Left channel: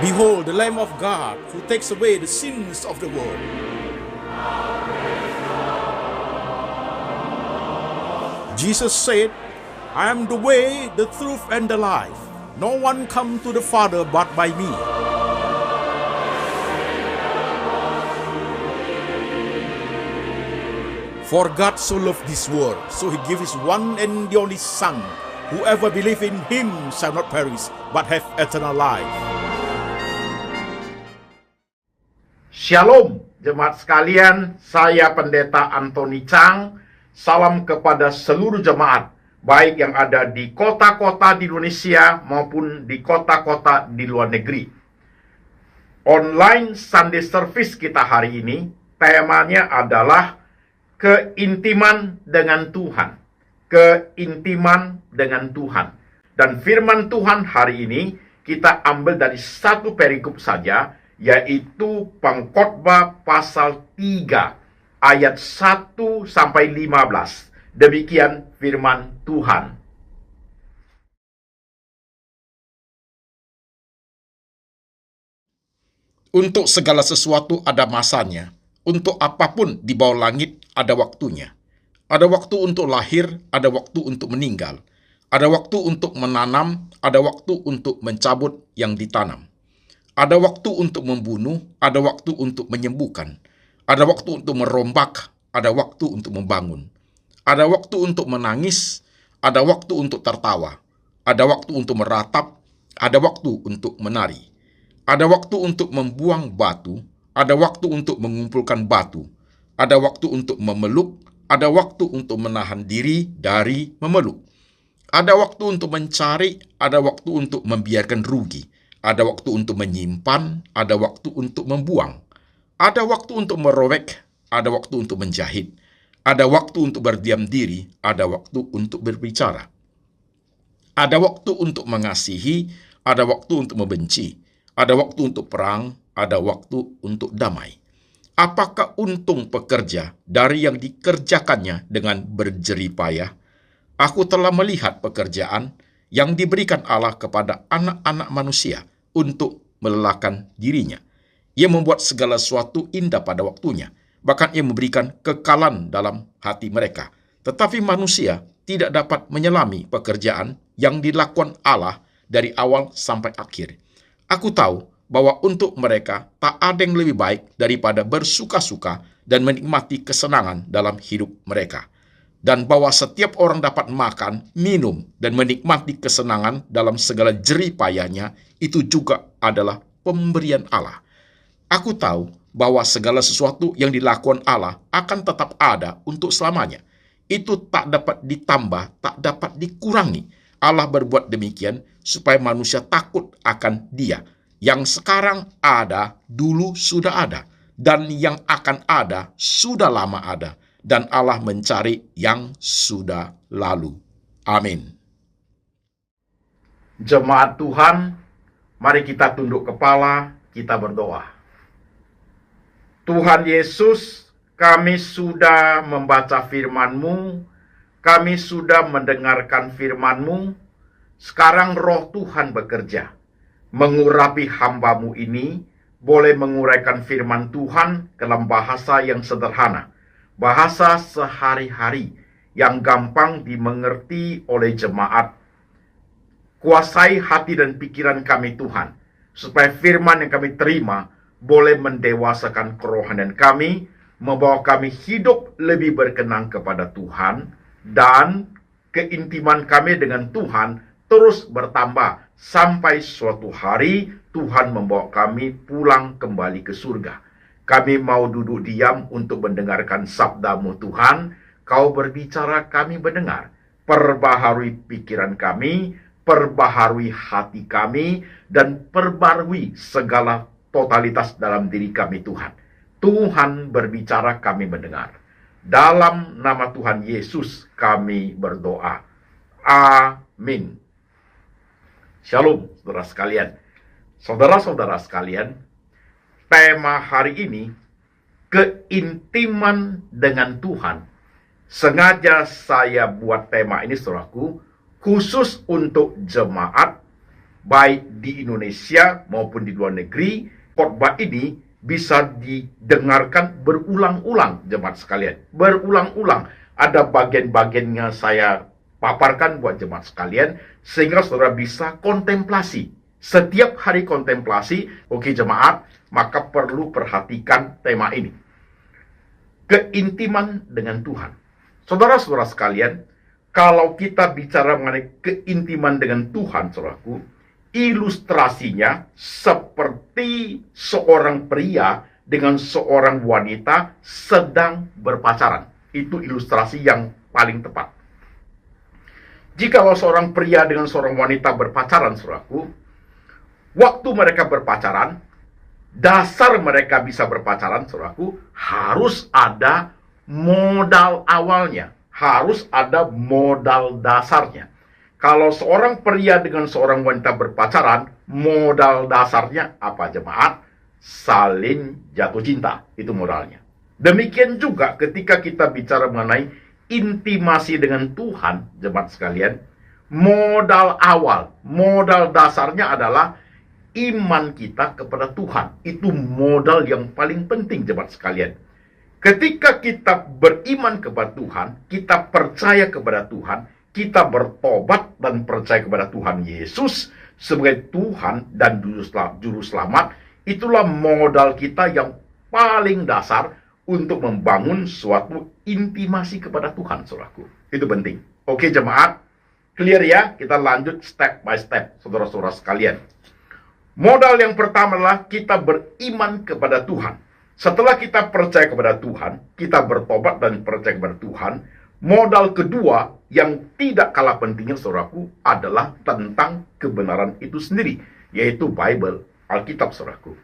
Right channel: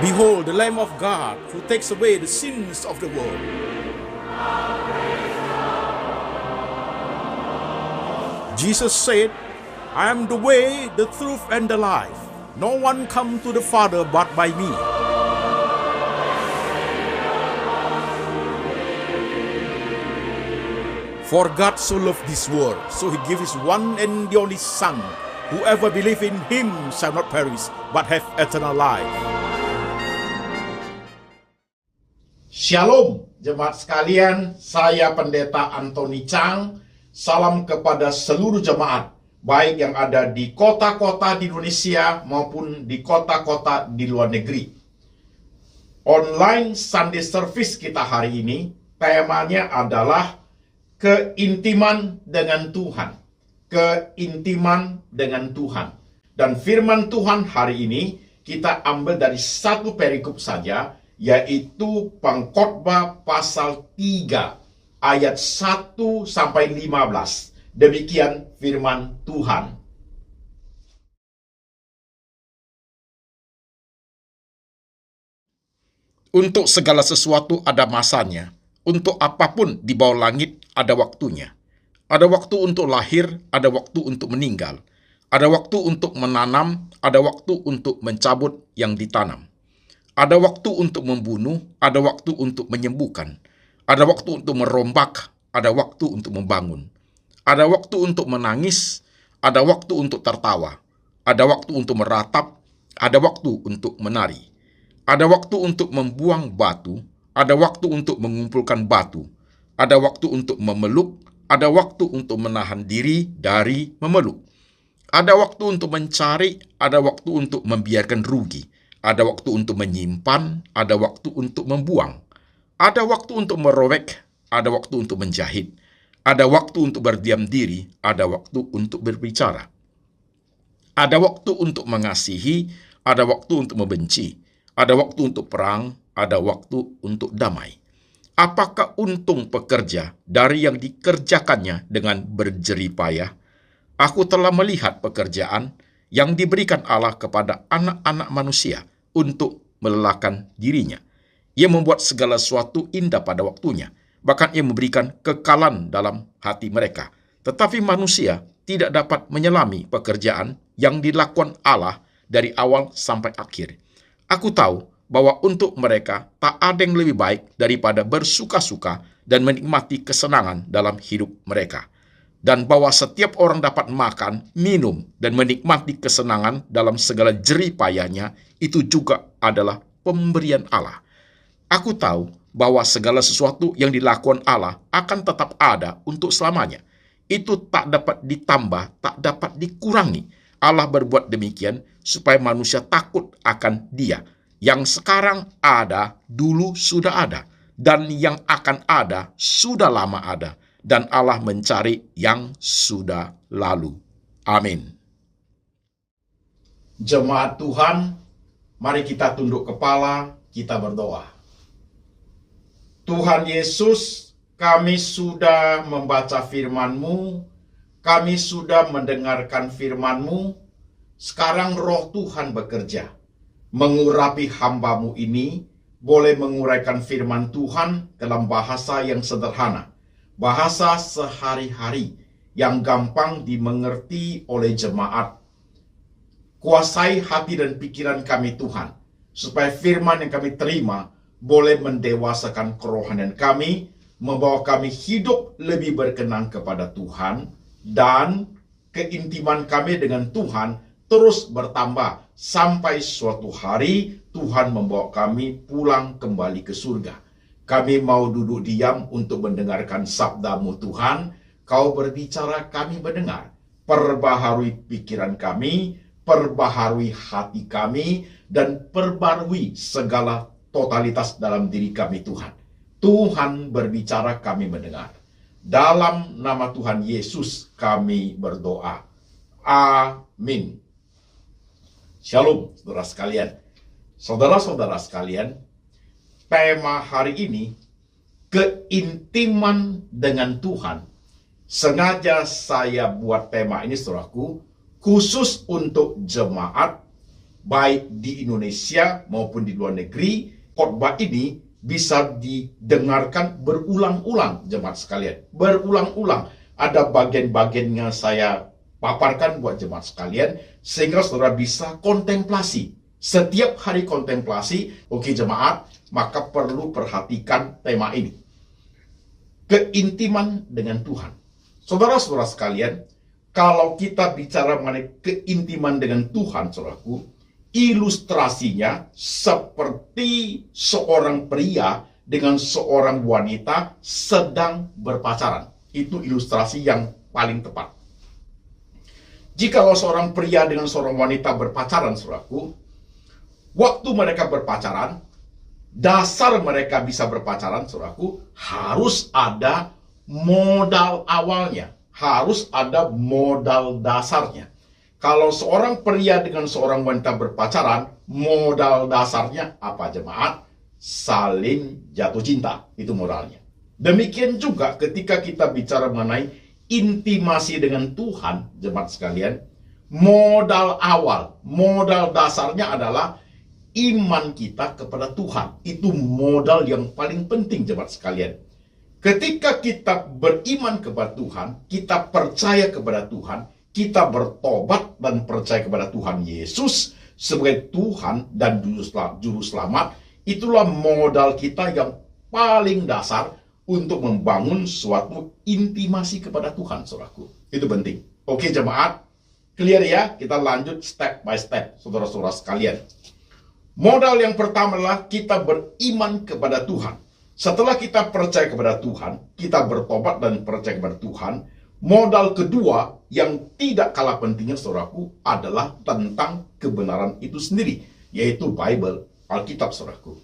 Behold, the Lamb of God who takes away the sins of the world. Jesus said, I am the way, the truth, and the life. No one comes to the Father but by me. For God so loved this world, so he gave his one and the only Son. Whoever believes in him shall not perish, but have eternal life. Shalom, jemaat sekalian. Saya Pendeta Antoni Chang. Salam kepada seluruh jemaat, baik yang ada di kota-kota di Indonesia maupun di kota-kota di luar negeri. Online Sunday Service kita hari ini, temanya adalah keintiman dengan Tuhan. Keintiman dengan Tuhan. Dan firman Tuhan hari ini kita ambil dari satu perikop saja, yaitu Pengkhotbah pasal 3 ayat 1 sampai 15. Demikian firman Tuhan. Untuk segala sesuatu ada masanya. Untuk apapun di bawah langit ada waktunya. Ada waktu untuk lahir, ada waktu untuk meninggal. Ada waktu untuk menanam, ada waktu untuk mencabut yang ditanam. Ada waktu untuk membunuh, ada waktu untuk menyembuhkan. Ada waktu untuk merombak, ada waktu untuk membangun. Ada waktu untuk menangis, ada waktu untuk tertawa. Ada waktu untuk meratap, ada waktu untuk menari. Ada waktu untuk membuang batu, ada waktu untuk mengumpulkan batu. Ada waktu untuk memeluk, ada waktu untuk menahan diri dari memeluk. Ada waktu untuk mencari, ada waktu untuk membiarkan rugi. Ada waktu untuk menyimpan, ada waktu untuk membuang. Ada waktu untuk merobek, ada waktu untuk menjahit. Ada waktu untuk berdiam diri, ada waktu untuk berbicara. Ada waktu untuk mengasihi, ada waktu untuk membenci. Ada waktu untuk perang, ada waktu untuk damai. Apakah untung pekerja dari yang dikerjakannya dengan berjerih payah? Aku telah melihat pekerjaan yang diberikan Allah kepada anak-anak manusia untuk melelahkan dirinya. Ia membuat segala sesuatu indah pada waktunya. Bahkan ia memberikan kekalan dalam hati mereka. Tetapi manusia tidak dapat menyelami pekerjaan yang dilakukan Allah dari awal sampai akhir. Aku tahu bahwa untuk mereka tak ada yang lebih baik daripada bersuka-suka dan menikmati kesenangan dalam hidup mereka. Dan bahwa setiap orang dapat makan, minum, dan menikmati kesenangan dalam segala jerih payahnya, itu juga adalah pemberian Allah. Aku tahu bahwa segala sesuatu yang dilakukan Allah akan tetap ada untuk selamanya. Itu tak dapat ditambah, tak dapat dikurangi. Allah berbuat demikian supaya manusia takut akan Dia. Yang sekarang ada, dulu sudah ada. Dan yang akan ada, sudah lama ada. Dan Allah mencari yang sudah lalu. Amin. Jemaat Tuhan, mari kita tunduk kepala, kita berdoa. Tuhan Yesus, kami sudah membaca firman-Mu, kami sudah mendengarkan firman-Mu. Sekarang roh Tuhan bekerja, mengurapi hamba-Mu ini, boleh menguraikan firman Tuhan dalam bahasa yang sederhana, bahasa sehari-hari yang gampang dimengerti oleh jemaat. Kuasai hati dan pikiran kami Tuhan, supaya firman yang kami terima boleh mendewasakan kerohanian kami, membawa kami hidup lebih berkenan kepada Tuhan, dan keintiman kami dengan Tuhan terus bertambah sampai suatu hari Tuhan membawa kami pulang kembali ke surga. Kami mau duduk diam untuk mendengarkan sabda-Mu Tuhan. Kau berbicara, kami mendengar. Perbaharui pikiran kami, perbaharui hati kami, dan perbarui segala totalitas dalam diri kami Tuhan. Tuhan berbicara, kami mendengar. Dalam nama Tuhan Yesus kami berdoa. Amin. Shalom, saudara sekalian. Saudara-saudara sekalian, tema hari ini, keintiman dengan Tuhan. Sengaja saya buat tema ini, saudaraku, khusus untuk jemaat baik di Indonesia maupun di luar negeri, khotbah ini bisa didengarkan berulang-ulang, jemaat sekalian. Berulang-ulang. Ada bagian-bagiannya saya paparkan buat jemaat sekalian, sehingga saudara bisa kontemplasi. Setiap hari kontemplasi, oke jemaat, maka perlu perhatikan tema ini. Keintiman dengan Tuhan. Saudara-saudara sekalian, kalau kita bicara mengenai keintiman dengan Tuhan, saudaraku, ilustrasinya seperti seorang pria dengan seorang wanita sedang berpacaran. Itu ilustrasi yang paling tepat. Jikalau seorang pria dengan seorang wanita berpacaran, saudaraku, waktu mereka berpacaran, dasar mereka bisa berpacaran, saudaraku, harus ada modal awalnya. Harus ada modal dasarnya. Kalau seorang pria dengan seorang wanita berpacaran, modal dasarnya apa jemaat? Saling jatuh cinta. Itu modalnya. Demikian juga ketika kita bicara mengenai intimasi dengan Tuhan, jemaat sekalian, modal awal, modal dasarnya adalah iman kita kepada Tuhan. Itu modal yang paling penting, jemaat sekalian. Ketika kita beriman kepada Tuhan, kita percaya kepada Tuhan, kita bertobat dan percaya kepada Tuhan Yesus sebagai Tuhan dan Juru Selamat, itulah modal kita yang paling dasar untuk membangun suatu intimasi kepada Tuhan, saudaraku. Itu penting. Oke jemaat, clear ya? Kita lanjut step by step, saudara-saudara sekalian. Modal yang pertama adalah kita beriman kepada Tuhan. Setelah kita percaya kepada Tuhan, kita bertobat dan percaya kepada Tuhan, modal kedua yang tidak kalah pentingnya, saudaraku, adalah tentang kebenaran itu sendiri, yaitu Bible, Alkitab, saudaraku.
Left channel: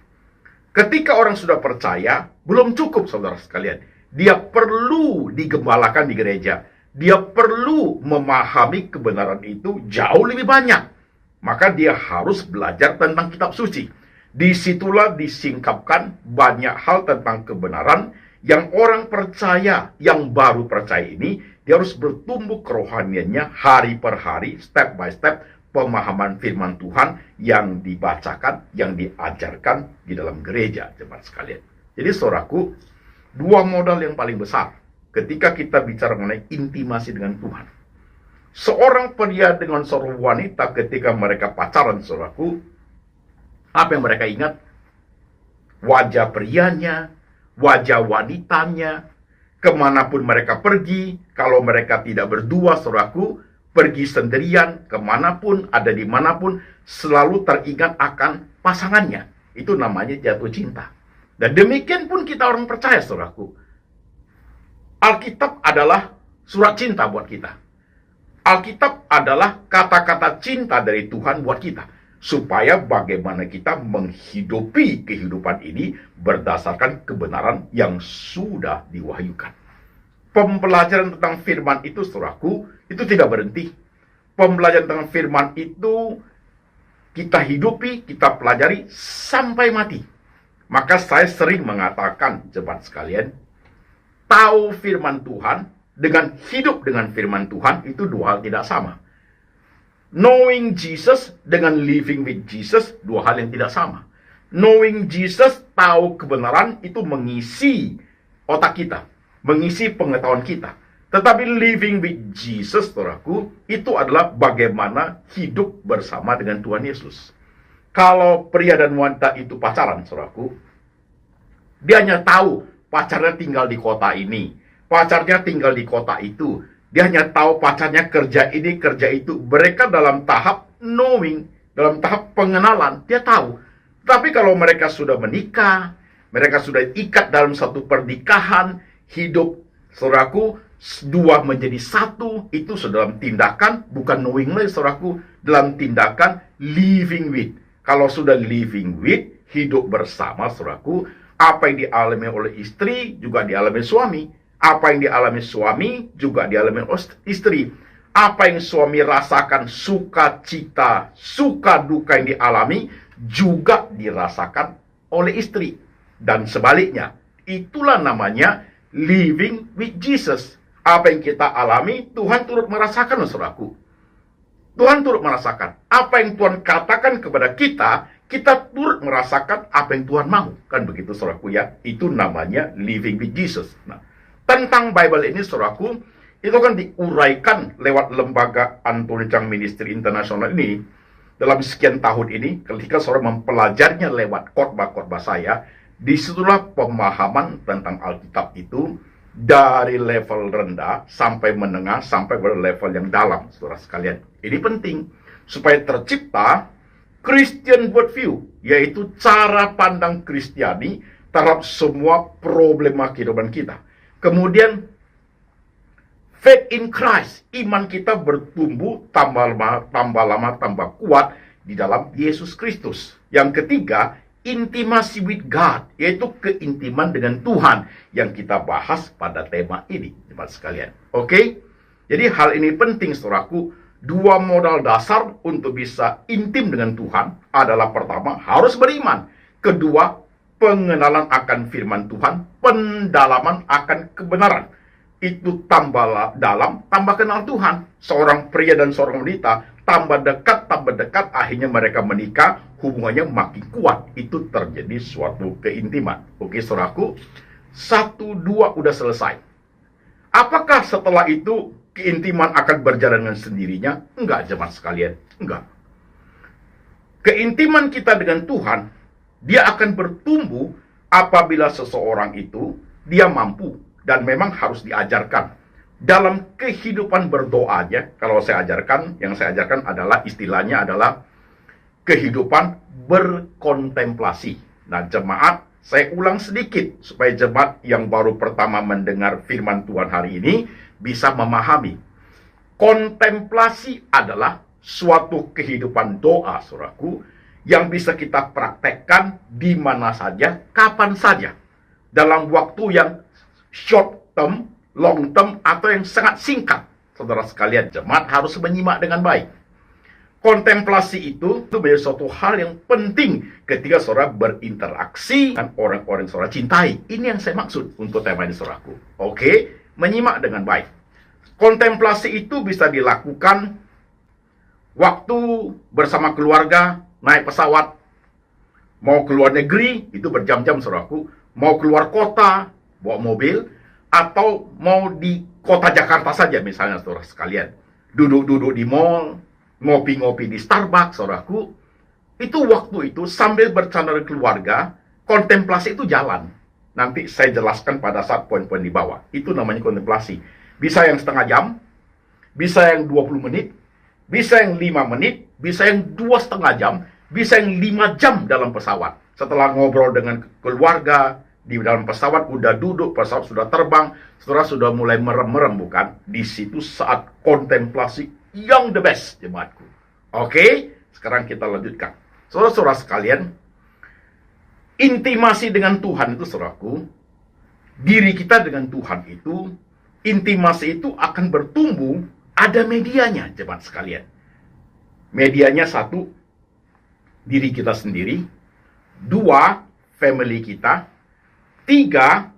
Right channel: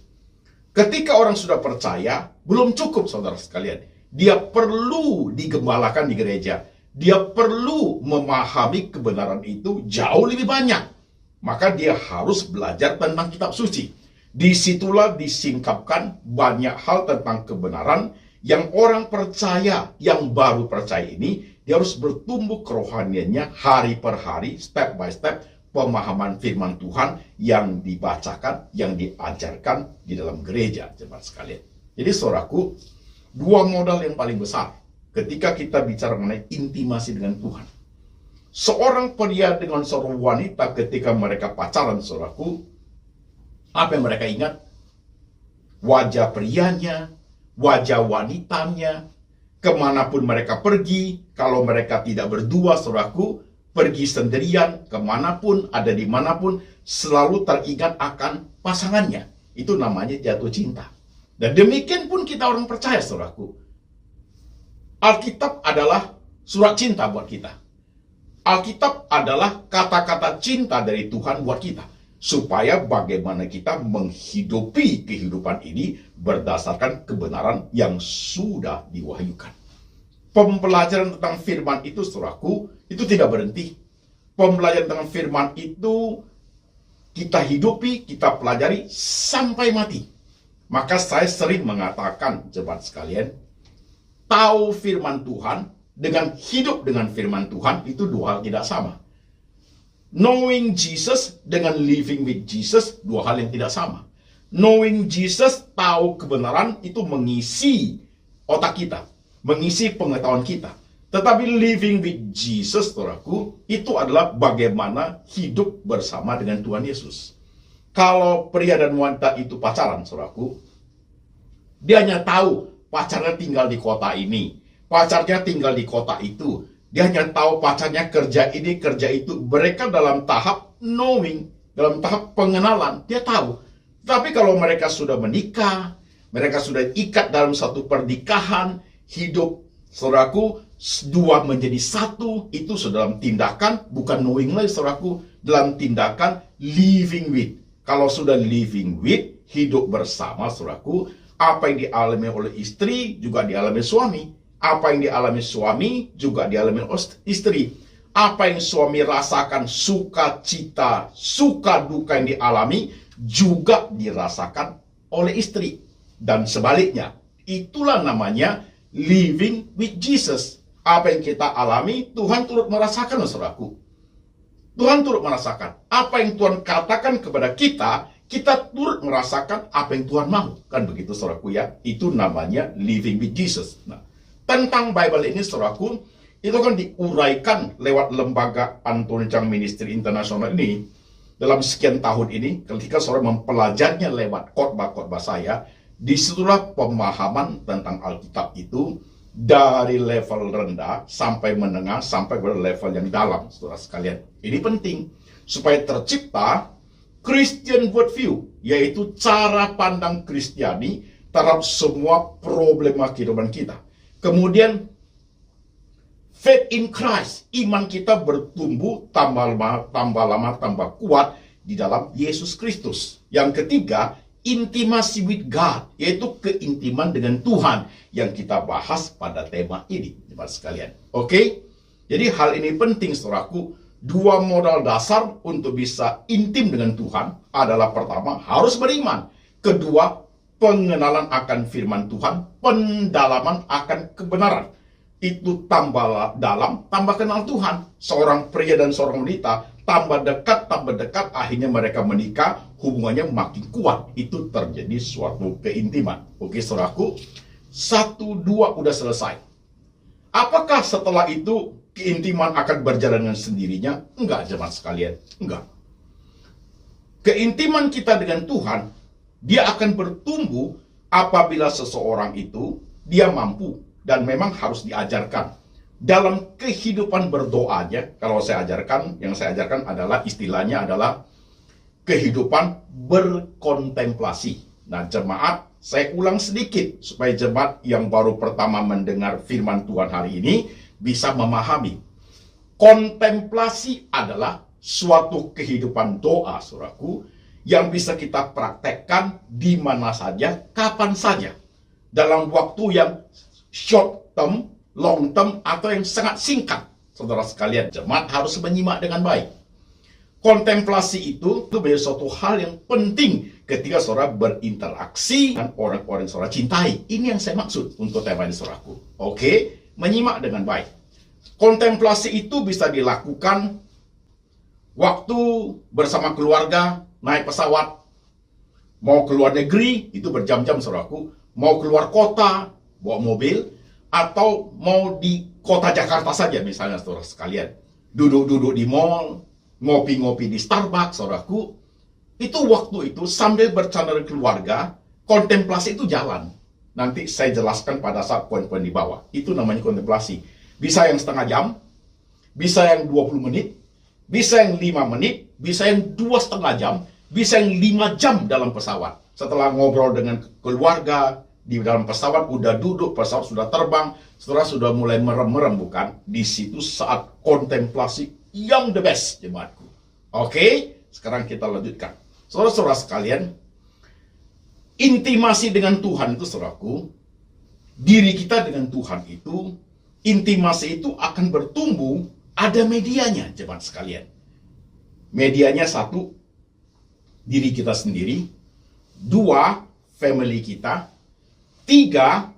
Ketika orang sudah percaya, belum cukup, saudara sekalian. Dia perlu digembalakan di gereja. Dia perlu memahami kebenaran itu jauh lebih banyak. Maka dia harus belajar tentang kitab suci. Disitulah disingkapkan banyak hal tentang kebenaran yang orang percaya, yang baru percaya ini, dia harus bertumbuh kerohaniannya hari per hari, step by step, pemahaman firman Tuhan yang dibacakan, yang diajarkan di dalam gereja, jemaat sekalian. Jadi saudaraku, dua modal yang paling besar ketika kita bicara mengenai intimasi dengan Tuhan. Seorang pria dengan seorang wanita ketika mereka pacaran, saudaraku, apa yang mereka ingat? Wajah prianya, wajah wanitanya, kemanapun mereka pergi, kalau mereka tidak berdua, saudaraku, pergi sendirian, kemanapun, ada dimanapun, selalu teringat akan pasangannya. Itu namanya jatuh cinta. Dan demikian pun kita orang percaya, saudaraku. Alkitab adalah surat cinta buat kita. Alkitab adalah kata-kata cinta dari Tuhan buat kita. Supaya bagaimana kita menghidupi kehidupan ini berdasarkan kebenaran yang sudah diwahyukan. Pembelajaran tentang firman itu, saudaraku, itu tidak berhenti. Pembelajaran tentang firman itu kita hidupi, kita pelajari sampai mati. Maka saya sering mengatakan, jemaat sekalian, tahu firman Tuhan dengan hidup dengan firman Tuhan itu dua hal tidak sama. Knowing Jesus dengan living with Jesus dua hal yang tidak sama. Knowing Jesus, tahu kebenaran, itu mengisi otak kita, mengisi pengetahuan kita. Tetapi living with Jesus, saudaraku, itu adalah bagaimana hidup bersama dengan Tuhan Yesus. Kalau pria dan wanita itu pacaran, saudaraku, dia hanya tahu pacarnya tinggal di kota ini, pacarnya tinggal di kota itu. Dia hanya tahu pacarnya kerja ini, kerja itu. Mereka dalam tahap knowing, dalam tahap pengenalan, dia tahu. Tapi kalau mereka sudah menikah, mereka sudah ikat dalam satu pernikahan, hidup, saudaraku, dua menjadi satu, itu dalam tindakan, bukan knowing lagi, saudaraku, dalam tindakan living with. Kalau sudah living with, hidup bersama, saudaraku, apa yang dialami oleh istri juga dialami suami. Apa yang dialami suami juga dialami istri. Apa yang suami rasakan, sukacita, suka duka yang dialami juga dirasakan oleh istri. Dan sebaliknya, itulah namanya living with Jesus. Apa yang kita alami, Tuhan turut merasakan, saudaraku. Tuhan turut merasakan. Apa yang Tuhan katakan kepada kita, kita turut merasakan apa yang Tuhan mau. Kan begitu, saudaraku ya. Itu namanya living with Jesus. Nah, tentang Bible ini, saudaraku, itu kan diuraikan lewat lembaga Anthony Chang Ministry International ini dalam sekian tahun ini. Ketika saudara mempelajarinya lewat khotbah-khotbah saya, disitulah pemahaman tentang Alkitab itu dari level rendah sampai menengah sampai pada level yang dalam, saudara sekalian. Ini penting supaya tercipta Christian worldview, yaitu cara pandang Kristiani terhadap semua problema kehidupan kita. Kemudian faith in Christ, iman kita bertumbuh tambah lama tambah kuat di dalam Yesus Kristus. Yang ketiga, intimacy with God, yaitu keintiman dengan Tuhan yang kita bahas pada tema ini, teman sekalian. Oke? Jadi hal ini penting, saudaraku. Dua modal dasar untuk bisa intim dengan Tuhan adalah pertama, harus beriman. Kedua, pengenalan akan firman Tuhan, pendalaman akan kebenaran. Itu tambah dalam, tambah kenal Tuhan. Seorang pria dan seorang wanita tambah dekat, akhirnya mereka menikah, hubungannya makin kuat. Itu terjadi suatu keintiman. Oke, saudaraku, 1, 2 udah selesai. Apakah setelah itu keintiman akan berjalan dengan sendirinya? Enggak, jemaat sekalian. Enggak. Keintiman kita dengan Tuhan, dia akan bertumbuh apabila seseorang itu, dia mampu dan memang harus diajarkan. Dalam kehidupan berdoanya, kalau saya ajarkan, yang saya ajarkan adalah istilahnya adalah kehidupan berkontemplasi. Nah, jemaat, saya ulang sedikit supaya jemaat yang baru pertama mendengar firman Tuhan hari ini bisa memahami. Kontemplasi adalah suatu kehidupan doa, saudaraku, yang bisa kita praktekkan di mana saja, kapan saja. Dalam waktu yang short term, long term, atau yang sangat singkat. Saudara sekalian, jemaat harus menyimak dengan baik. Kontemplasi itu menjadi suatu hal yang penting ketika saudara berinteraksi dengan orang-orang yang saudara cintai. Ini yang saya maksud untuk tema ini, saudaraku. Oke, menyimak dengan baik. Kontemplasi itu bisa dilakukan waktu bersama keluarga, naik pesawat, mau keluar negeri, itu berjam-jam, saudaraku. Mau keluar kota, bawa mobil, atau mau di kota Jakarta saja misalnya, saudara sekalian. Duduk-duduk di mall, ngopi-ngopi di Starbucks, saudaraku. Itu waktu itu sambil bercanda dengan keluarga, kontemplasi itu jalan. Nanti saya jelaskan pada saat poin-poin di bawah. Itu namanya kontemplasi. Bisa yang setengah jam, bisa yang 20 menit, bisa yang 5 menit, bisa yang 2,5 jam, bisa yang 5 jam dalam pesawat. Setelah ngobrol dengan keluarga, di dalam pesawat udah duduk, pesawat sudah terbang, saudara sudah mulai merem-merem, bukan? Di situ saat kontemplasi yang the best, jemaatku. Oke, sekarang kita lanjutkan. Saudara-saudara sekalian, intimasi dengan Tuhan itu, saudaraku, diri kita dengan Tuhan itu, intimasi itu akan bertumbuh, ada medianya, jemaat sekalian. Medianya 1, diri kita sendiri. 2, family kita. 3,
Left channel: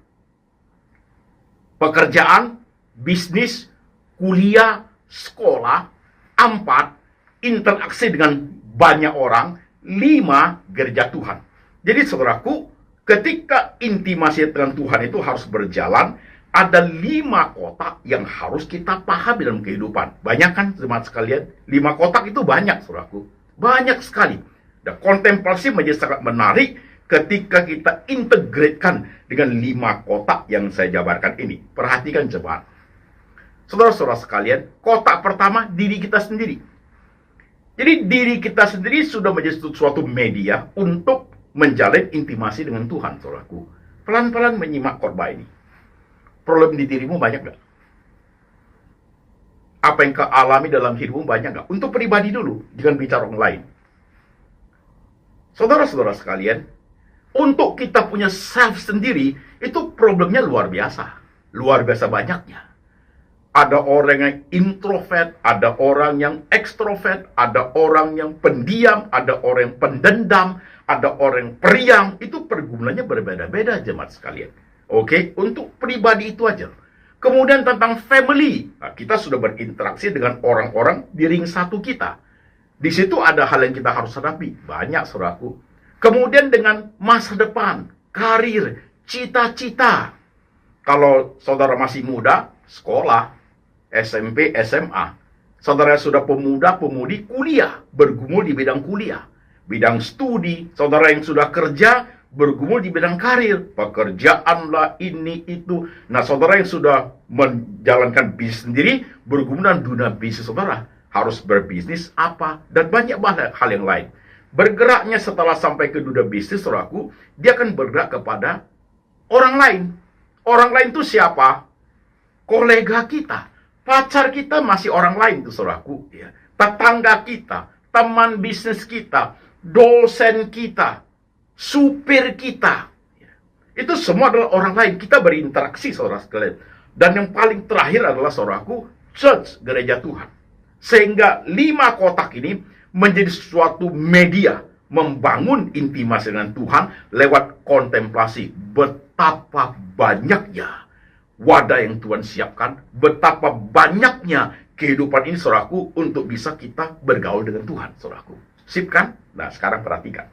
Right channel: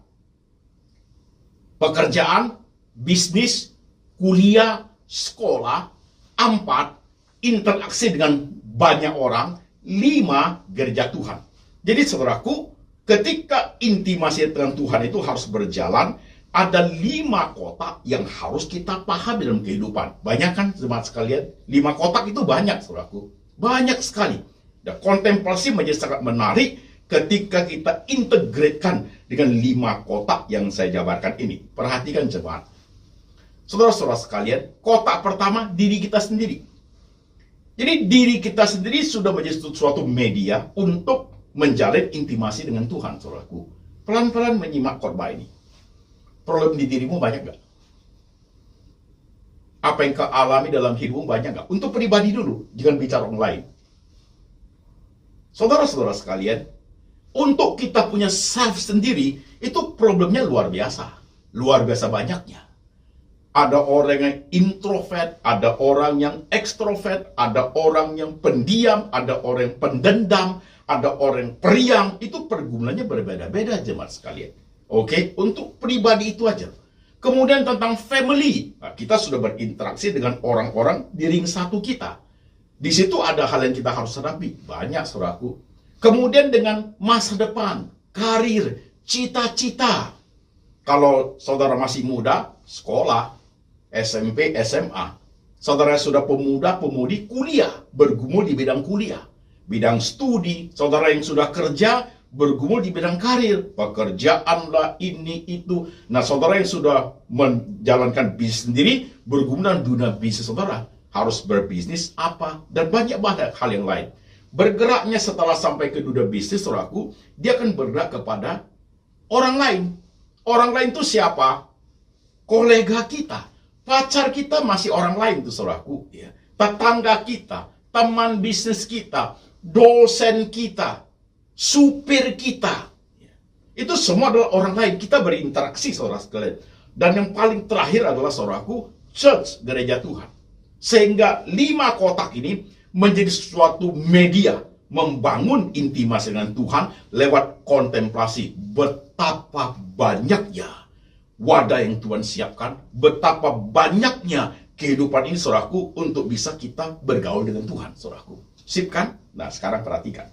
pekerjaan, bisnis, kuliah, sekolah. 4, interaksi dengan banyak orang. 5, gereja Tuhan. Jadi saudaraku, ketika intimasi dengan Tuhan itu harus berjalan, ada 5 kotak yang harus kita pahami dalam kehidupan. Banyak kan, jemaat sekalian? 5 kotak itu banyak, saudaraku. Banyak sekali. Dan kontemplasi menjadi sangat menarik ketika kita integrasikan dengan 5 kotak yang saya jabarkan ini. Perhatikan, jemaat. Saudara-saudara sekalian, kotak pertama, diri kita sendiri. Jadi diri kita sendiri sudah menjadi suatu media untuk menjalin intimasi dengan Tuhan, saudaraku. Pelan-pelan menyimak khotbah ini. Problem di dirimu banyak gak? Apa yang kau alami dalam hidupmu banyak gak? Untuk pribadi dulu, jangan bicara orang lain. Saudara-saudara sekalian, untuk kita punya self sendiri, itu problemnya luar biasa. Luar biasa banyaknya. Ada orang yang introvert, ada orang yang ekstrovert, ada orang yang pendiam, ada orang yang pendendam, ada orang yang periang. Itu pergumulannya berbeda-beda, jemaat sekalian. Oke, untuk pribadi itu aja. Kemudian tentang family. Nah, kita sudah berinteraksi dengan orang-orang di ring satu kita. Di situ ada hal yang kita harus hadapi. Banyak, saudaraku. Kemudian dengan masa depan, karir, cita-cita. Kalau saudara masih muda, sekolah, SMP, SMA. Saudara sudah pemuda, pemudi, kuliah. Bergumul di bidang kuliah. Bidang studi. Saudara yang sudah kerja, bergumul di bidang karir. Pekerjaan lah, ini, itu. Nah, saudara yang sudah menjalankan bisnis sendiri, bergumul dalam dunia bisnis saudara. Harus berbisnis apa, dan banyak hal yang lain. Bergeraknya setelah sampai ke dunia bisnis, saudaraku, dia akan bergerak kepada orang lain. Orang lain itu siapa? Kolega kita, pacar kita masih orang lain tuh, saudaraku. Ya. Tetangga kita, teman bisnis kita, dosen kita, supir kita. Ya. Itu semua adalah orang lain. Kita berinteraksi, saudara sekalian. Dan yang paling terakhir adalah, saudaraku, church, gereja Tuhan. Sehingga 5 kotak ini menjadi suatu media membangun intimasi dengan Tuhan lewat kontemplasi. Betapa banyaknya wadah yang Tuhan siapkan, betapa banyaknya kehidupan ini, saudaraku, untuk bisa kita bergaul dengan Tuhan, saudaraku. Sip kan? Nah, sekarang perhatikan.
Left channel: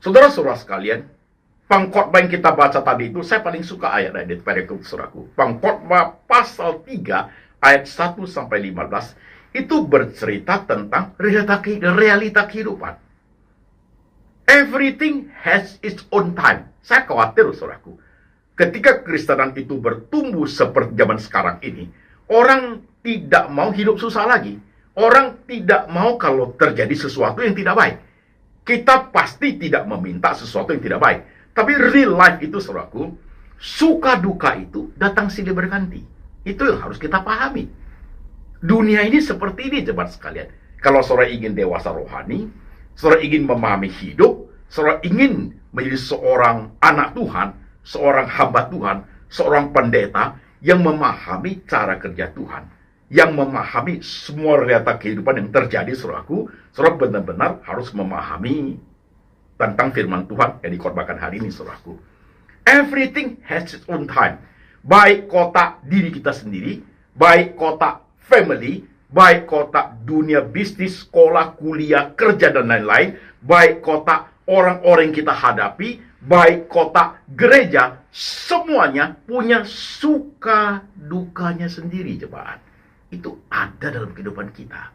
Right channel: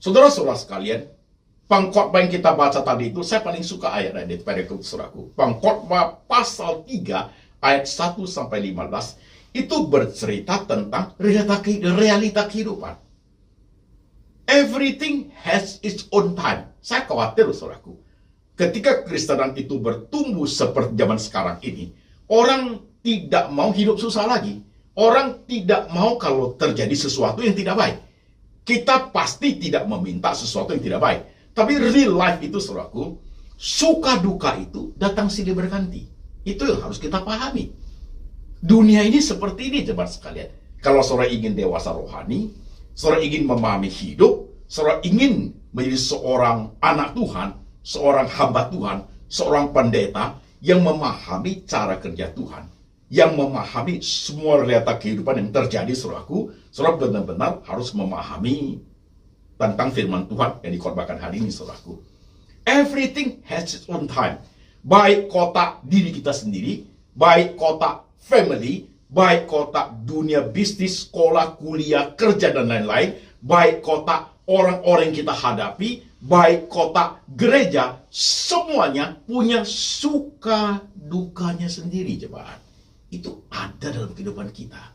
Saudara-saudara sekalian, pengkhotbah yang kita baca tadi itu, saya paling suka ayat di perikop, saudaraku. Pengkhotbah pasal 3 ayat 1 sampai 15 itu bercerita tentang realita kehidupan. Everything has its own time. Saya khawatir, saudaraku, ketika Kristenan itu bertumbuh seperti zaman sekarang ini, orang tidak mau hidup susah lagi. Orang tidak mau kalau terjadi sesuatu yang tidak baik. Kita pasti tidak meminta sesuatu yang tidak baik. Tapi real life itu, saudaraku, suka duka itu datang silih berganti. Itu yang harus kita pahami. Dunia ini seperti ini, jemaat sekalian. Kalau saudara ingin dewasa rohani, saudara ingin memahami hidup, saudara ingin menjadi seorang anak Tuhan, seorang hamba Tuhan, seorang pendeta yang memahami cara kerja Tuhan, yang memahami semua realita kehidupan yang terjadi, saudaraku, saudara benar-benar harus memahami tentang firman Tuhan yang dikhotbahkan hari ini, saudaraku. Everything has its own time. Baik kotak diri kita sendiri, baik kotak family, baik kotak dunia bisnis, sekolah, kuliah, kerja, dan lain-lain, baik kotak orang-orang yang kita hadapi, baik kotak gereja, semuanya punya suka dukanya sendiri, jemaat. Itu ada dalam kehidupan kita.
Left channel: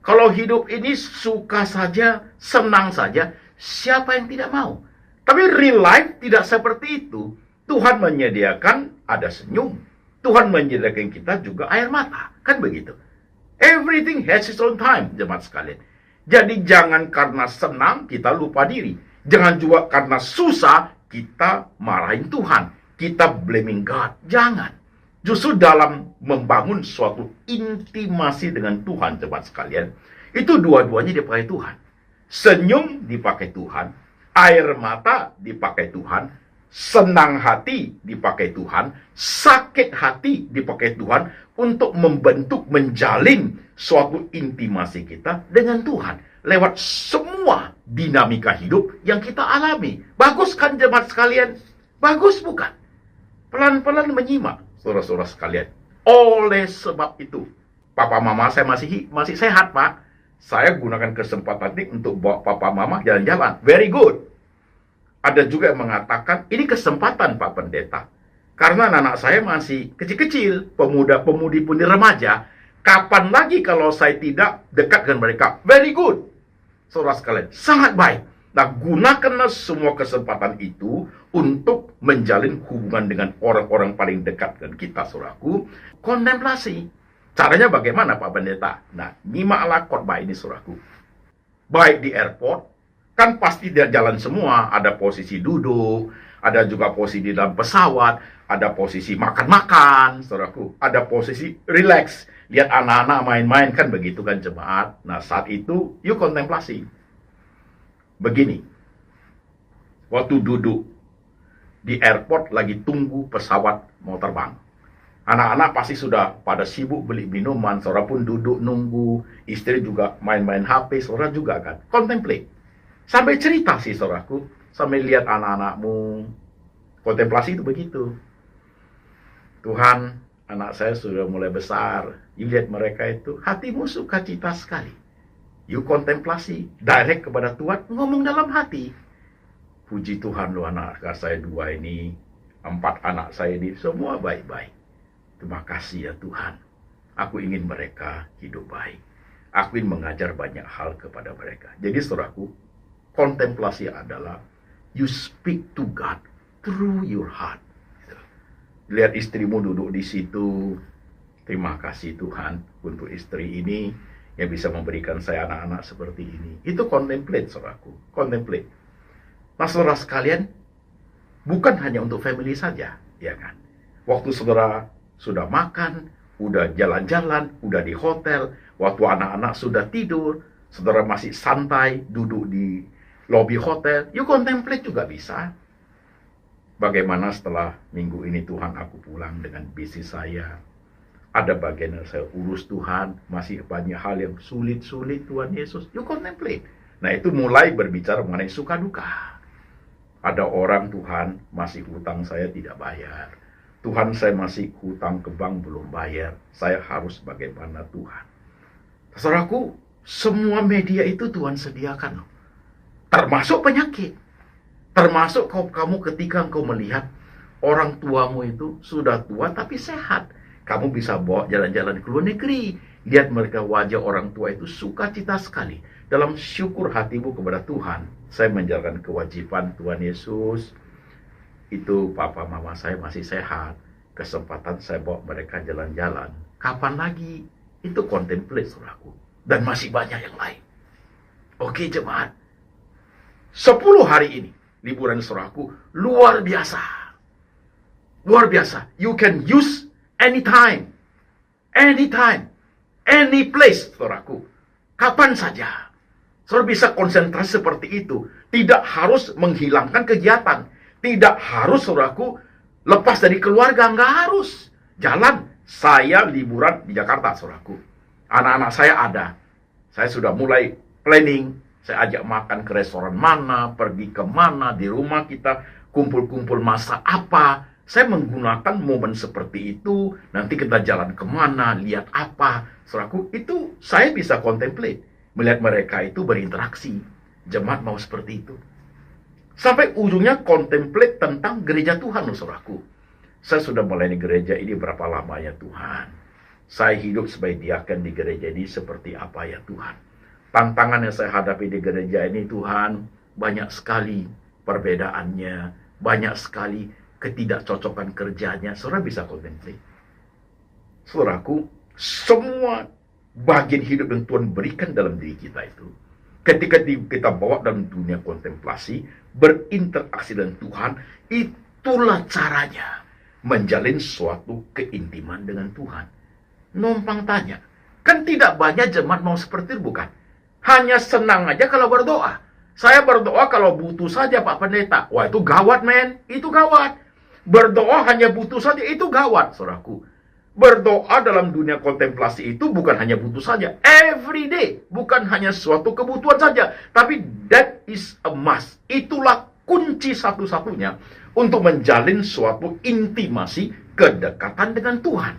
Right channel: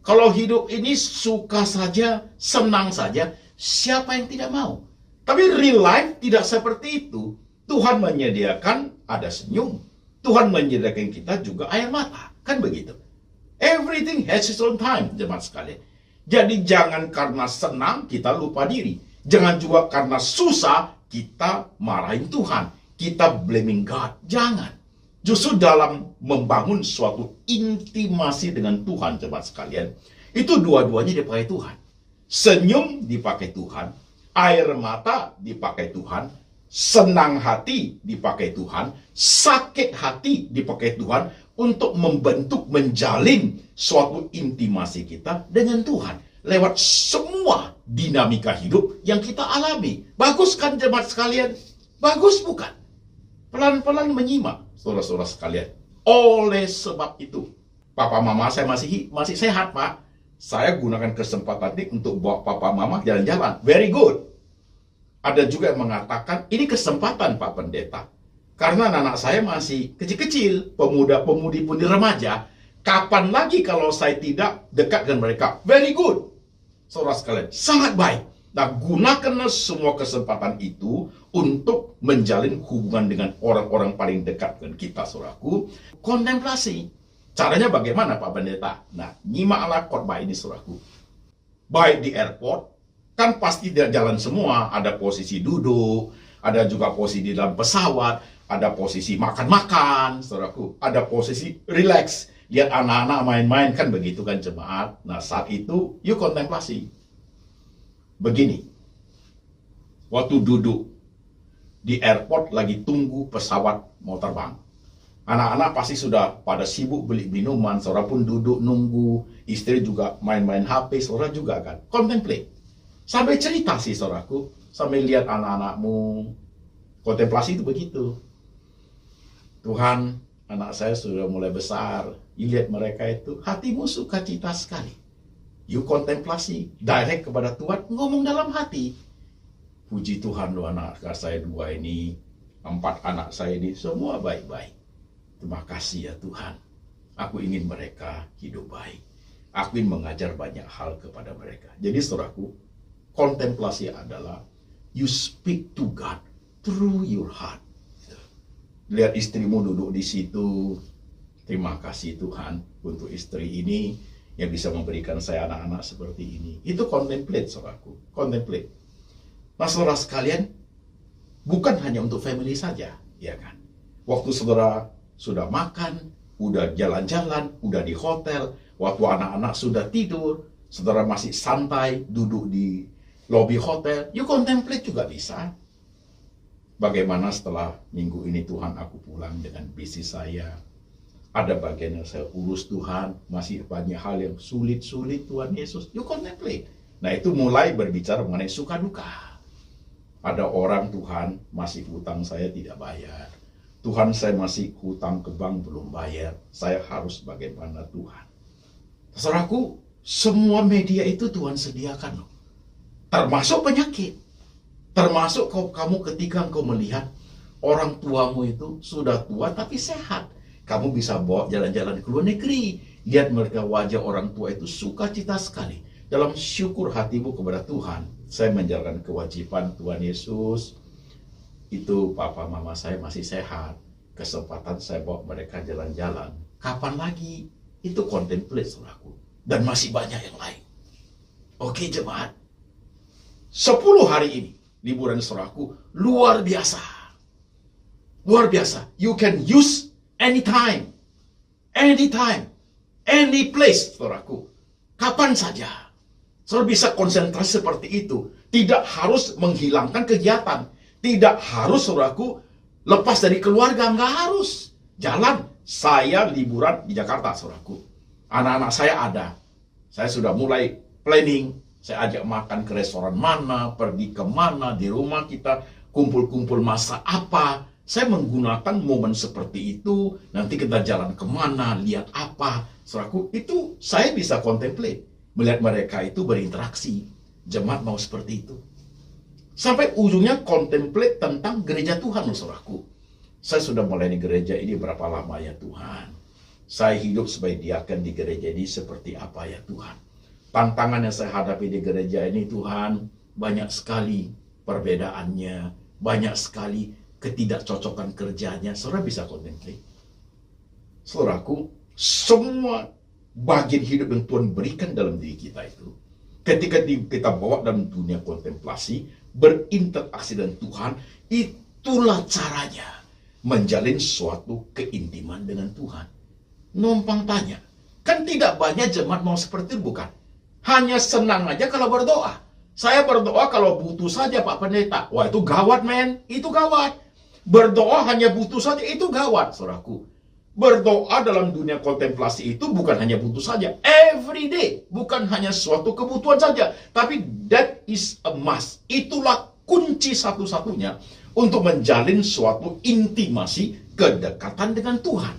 Kalau hidup ini suka saja, senang saja, siapa yang tidak mau? Tapi real life tidak seperti itu. Tuhan menyediakan ada senyum. Tuhan menyediakan kita juga air mata. Kan begitu. Everything has its own time, jemaat sekalian. Jadi jangan karena senang kita lupa diri. Jangan juga karena susah kita marahin Tuhan. Kita blaming God. Jangan. Justru dalam membangun suatu intimasi dengan Tuhan, jemaat sekalian, itu dua-duanya dipakai Tuhan. Senyum dipakai Tuhan. Air mata dipakai Tuhan. Senang hati dipakai Tuhan, sakit hati dipakai Tuhan untuk membentuk, menjalin suatu intimasi kita dengan Tuhan lewat semua dinamika hidup yang kita alami. Bagus kan, jemaat sekalian? Bagus bukan? Pelan-pelan menyimak, saudara-saudara sekalian. Oleh sebab itu, papa mama saya masih sehat, Pak. Saya gunakan kesempatan ini untuk bawa papa mama jalan-jalan. Very good. Ada juga yang mengatakan, ini kesempatan Pak Pendeta. Karena anak saya masih kecil-kecil, pemuda-pemudi pun remaja. Kapan lagi kalau saya tidak dekat dengan mereka? Very good. Saudara sekalian, sangat baik. Nah, gunakanlah semua kesempatan itu untuk menjalin hubungan dengan orang-orang paling dekat dengan kita, saudaraku. Kontemplasi. Caranya bagaimana, Pak Pendeta? Nah, nyimaklah khotbah ini, saudaraku. Baik di airport, kan pasti dia jalan semua, ada posisi duduk, ada juga posisi di dalam pesawat, ada posisi makan-makan, saudaraku, ada posisi relax, lihat anak-anak main-main, kan begitu kan, jemaat. Nah, saat itu, yuk kontemplasi. Begini, waktu duduk di airport lagi tunggu pesawat mau terbang, anak-anak pasti sudah pada sibuk beli minuman, saudara pun duduk nunggu, istri juga main-main HP, saudara juga kan, contemplate. Sampai cerita sih, saudaraku, sampai lihat anak-anakmu. Kontemplasi itu begitu. Tuhan, anak saya sudah mulai besar. You lihat mereka itu, hatimu sukacita sekali. You kontemplasi, direct kepada Tuhan, ngomong dalam hati. Puji Tuhan loh anak saya 2 ini, 4 anak saya ini, semua baik-baik. Terima kasih ya Tuhan. Aku ingin mereka hidup baik. Aku ingin mengajar banyak hal kepada mereka. Jadi saudaraku, kontemplasi adalah you speak to God through your heart. Lihat istrimu duduk di situ. Terima kasih Tuhan untuk istri ini yang bisa memberikan saya anak-anak seperti ini. Itu contemplate, saudaraku. Contemplate. Nah, saudara sekalian, bukan hanya untuk family saja, ya kan? Waktu saudara sudah makan, udah jalan-jalan, udah di hotel, waktu anak-anak sudah tidur, saudara masih santai duduk di lobby hotel, you contemplate juga bisa. Bagaimana setelah minggu ini Tuhan aku pulang dengan bisnis saya. Ada bagian yang saya urus Tuhan. Masih banyak hal yang sulit-sulit Tuhan Yesus. You contemplate. Nah itu mulai berbicara mengenai suka duka. Ada orang Tuhan masih hutang saya tidak bayar. Tuhan saya masih hutang ke bank belum bayar. Saya harus bagaimana Tuhan. Saudaraku, semua media itu Tuhan sediakan loh. Termasuk penyakit. Termasuk kamu ketika engkau melihat orang tuamu itu sudah tua tapi sehat. Kamu bisa bawa jalan-jalan ke luar negeri. Lihat mereka wajah orang tua itu sukacita sekali. Dalam syukur hatimu kepada Tuhan. Saya menjalankan kewajiban Tuhan Yesus. Itu papa mama saya masih sehat. Kesempatan saya bawa mereka jalan-jalan. Kapan lagi? Itu contemplate saudaraku. Dan masih banyak yang lain. Oke jemaat. 10 hari ini. Liburan saudaraku luar biasa. Luar biasa. You can use anytime. Anytime. Any place, saudaraku. Kapan saja. Saudara bisa konsentrasi seperti itu. Tidak harus menghilangkan kegiatan. Tidak harus, saudaraku, lepas dari keluarga. Nggak harus. Jalan. Saya liburan di Jakarta, saudaraku. Anak-anak saya ada. Saya sudah mulai planning. Saya ajak makan ke restoran mana, pergi ke mana, di rumah kita kumpul-kumpul masa apa. Saya menggunakan momen seperti itu, nanti kita jalan kemana, lihat apa. Saudaraku, itu saya bisa contemplate. Melihat mereka itu berinteraksi. Jemaat mau seperti itu. Sampai ujungnya contemplate tentang gereja Tuhan, saudaraku. Saya sudah melayani gereja ini berapa lama ya Tuhan. Saya hidup sebagai diaken di gereja ini seperti apa ya Tuhan. Tantangan yang saya hadapi di gereja ini Tuhan, banyak sekali perbedaannya, banyak sekali ketidakcocokan kerjanya. Saudara bisa contemplate. Saudaraku, semua bagian hidup yang Tuhan berikan dalam diri kita itu, ketika kita bawa dalam dunia kontemplasi, berinteraksi dengan Tuhan, itulah caranya menjalin suatu keintiman dengan Tuhan. Numpang tanya, kan tidak banyak jemaat mau seperti itu bukan? Hanya senang aja kalau berdoa. Saya berdoa kalau butuh saja Pak Pendeta. Wah itu gawat men, itu gawat. Berdoa hanya butuh saja, itu gawat saudaraku. Berdoa dalam dunia kontemplasi itu bukan hanya butuh saja. Every day. Bukan hanya suatu kebutuhan saja. Tapi that is a must. Itulah kunci satu-satunya untuk menjalin suatu intimasi kedekatan dengan Tuhan.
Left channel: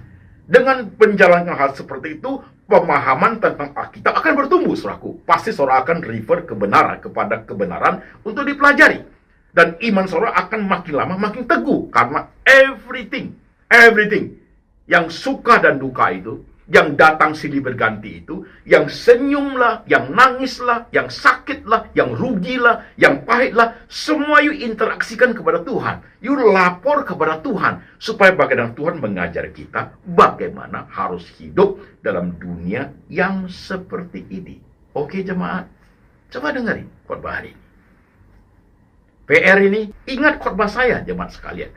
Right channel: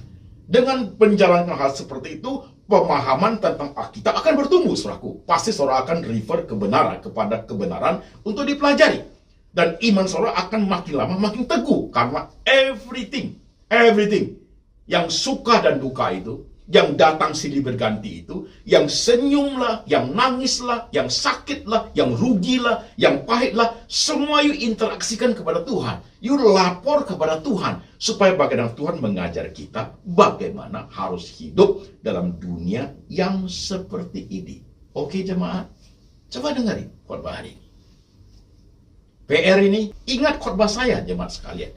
Dengan menjalankan hal seperti itu, pemahaman tentang Alkitab akan bertumbuh, saudaraku. Pasti saudara akan refer kepada kebenaran untuk dipelajari. Dan iman saudara akan makin lama makin teguh. Karena everything yang suka dan duka itu, yang datang silih berganti itu, yang senyumlah, yang nangislah, yang sakitlah, yang rugilah, yang pahitlah, semua you interaksikan kepada Tuhan. You lapor kepada Tuhan, supaya bagaimana Tuhan mengajar kita bagaimana harus hidup dalam dunia yang seperti ini. Oke jemaat, coba dengarin khotbah hari ini. PR ini, ingat khotbah saya jemaat sekalian.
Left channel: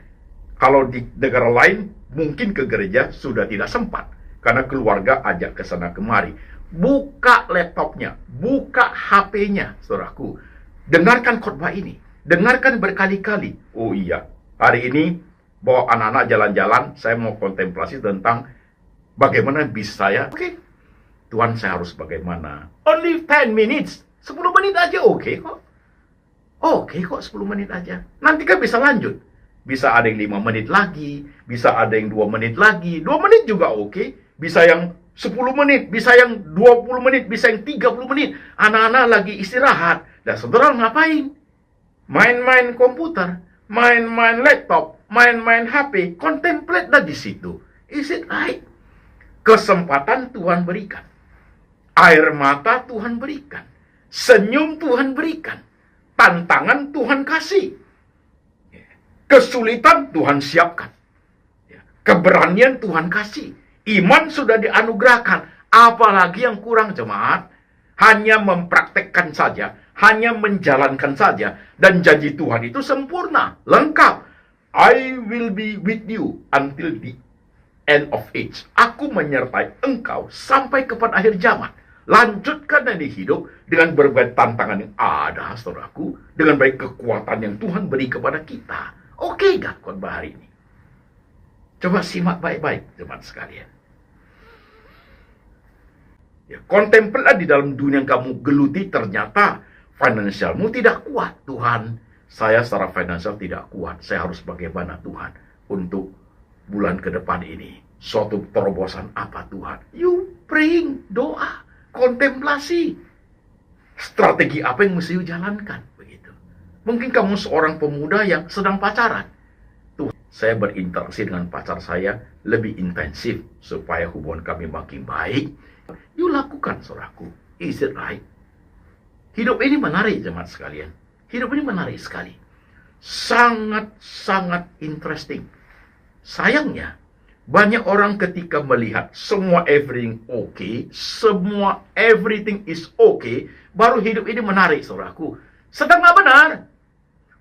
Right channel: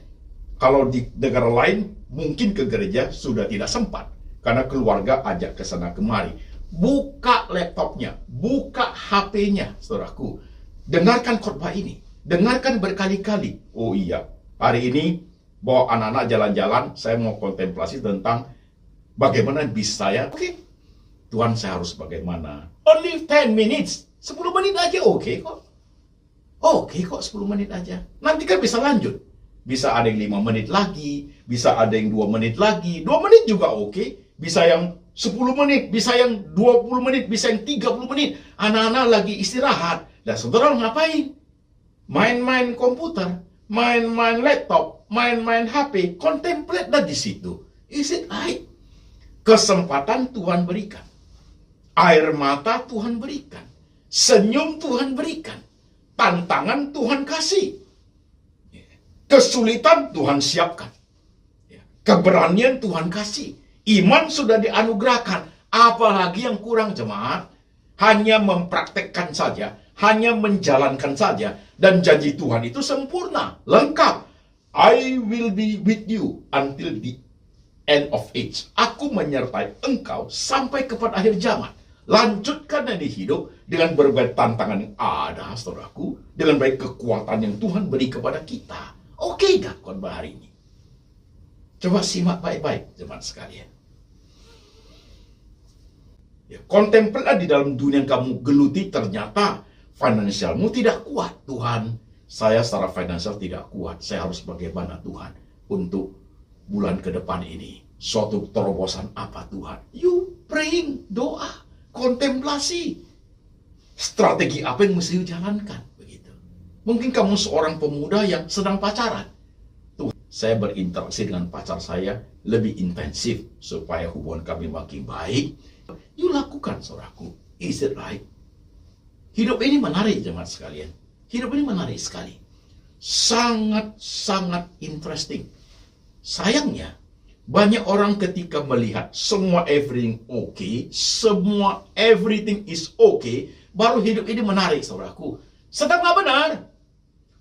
Kalau di negara lain, mungkin ke gereja sudah tidak sempat. Karena keluarga ajak ke sana kemari. Buka laptopnya, buka HP-nya, saudaraku. Dengarkan khotbah ini. Dengarkan berkali-kali. Oh iya, hari ini bawa anak-anak jalan-jalan, saya mau kontemplasi tentang bagaimana bis saya. Oke, Tuhan saya harus bagaimana. Only 10 minutes, 10 menit aja oke kok. Oke kok 10 menit aja. Nanti kan bisa lanjut. Bisa ada yang 5 menit lagi, bisa ada yang 2 menit lagi. 2 menit juga oke. Bisa yang 10 menit, bisa yang 20 menit, bisa yang 30 menit. Anak-anak lagi istirahat. Dan saudara ngapain? Main-main komputer, main-main laptop, main-main HP, contemplate dah di situ. Is it right? Kesempatan Tuhan berikan. Air mata Tuhan berikan. Senyum Tuhan berikan. Tantangan Tuhan kasih. Kesulitan Tuhan siapkan. Keberanian Tuhan kasih. Iman sudah dianugerahkan. Apalagi yang kurang, jemaat? Hanya mempraktekkan saja. Hanya menjalankan saja. Dan janji Tuhan itu sempurna. Lengkap. I will be with you until the end of age. Aku menyertai engkau sampai kepada akhir zaman. Lanjutkan dari hidup dengan berbagai tantangan yang ada, saudaraku. Dengan baik kekuatan yang Tuhan beri kepada kita. Oke gak khotbah hari ini? Coba simak baik-baik, teman sekalian. Ya, kontemplatlah di dalam dunia yang kamu geluti, ternyata finansialmu tidak kuat. Tuhan, saya secara finansial tidak kuat. Saya harus bagaimana Tuhan untuk bulan ke depan ini? Suatu terobosan apa Tuhan? You praying, doa, kontemplasi. Strategi apa yang mesti dijalankan? Begitu. Mungkin kamu seorang pemuda yang sedang pacaran. Tuh, saya berinteraksi dengan pacar saya lebih intensif supaya hubungan kami makin baik. You lakukan, saudaraku. Is it right? Hidup ini menarik, jemaat sekalian. Hidup ini menarik sekali. Sangat-sangat interesting. Sayangnya, banyak orang ketika melihat semua everything okay, semua everything is okay, baru hidup ini menarik, saudaraku. Sedang nggak benar.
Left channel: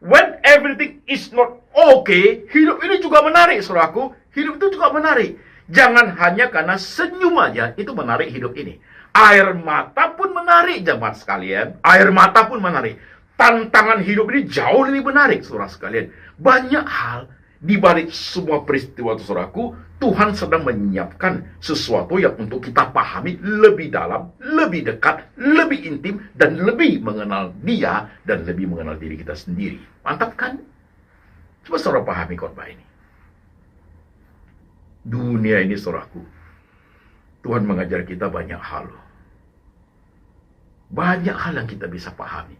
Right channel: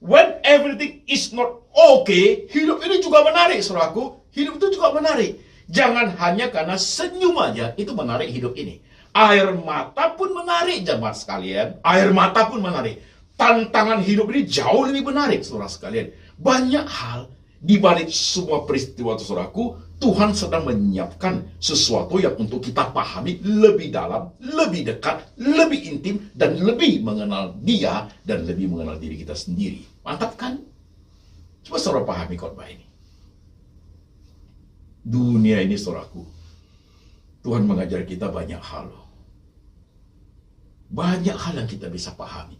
When everything is not okay, hidup ini juga menarik, saudaraku. Hidup itu juga menarik. Jangan hanya karena senyum aja, itu menarik hidup ini. Air mata pun menarik, jemaat sekalian. Air mata pun menarik. Tantangan hidup ini jauh lebih menarik, saudara sekalian. Banyak hal di balik semua peristiwa itu, saudaraku, Tuhan sedang menyiapkan sesuatu yang untuk kita pahami lebih dalam, lebih dekat, lebih intim, dan lebih mengenal Dia dan lebih mengenal diri kita sendiri. Mantap kan? Coba saudara pahami khotbah ini. Dunia ini, saudaraku, Tuhan mengajar kita banyak hal. Banyak hal yang kita bisa pahami.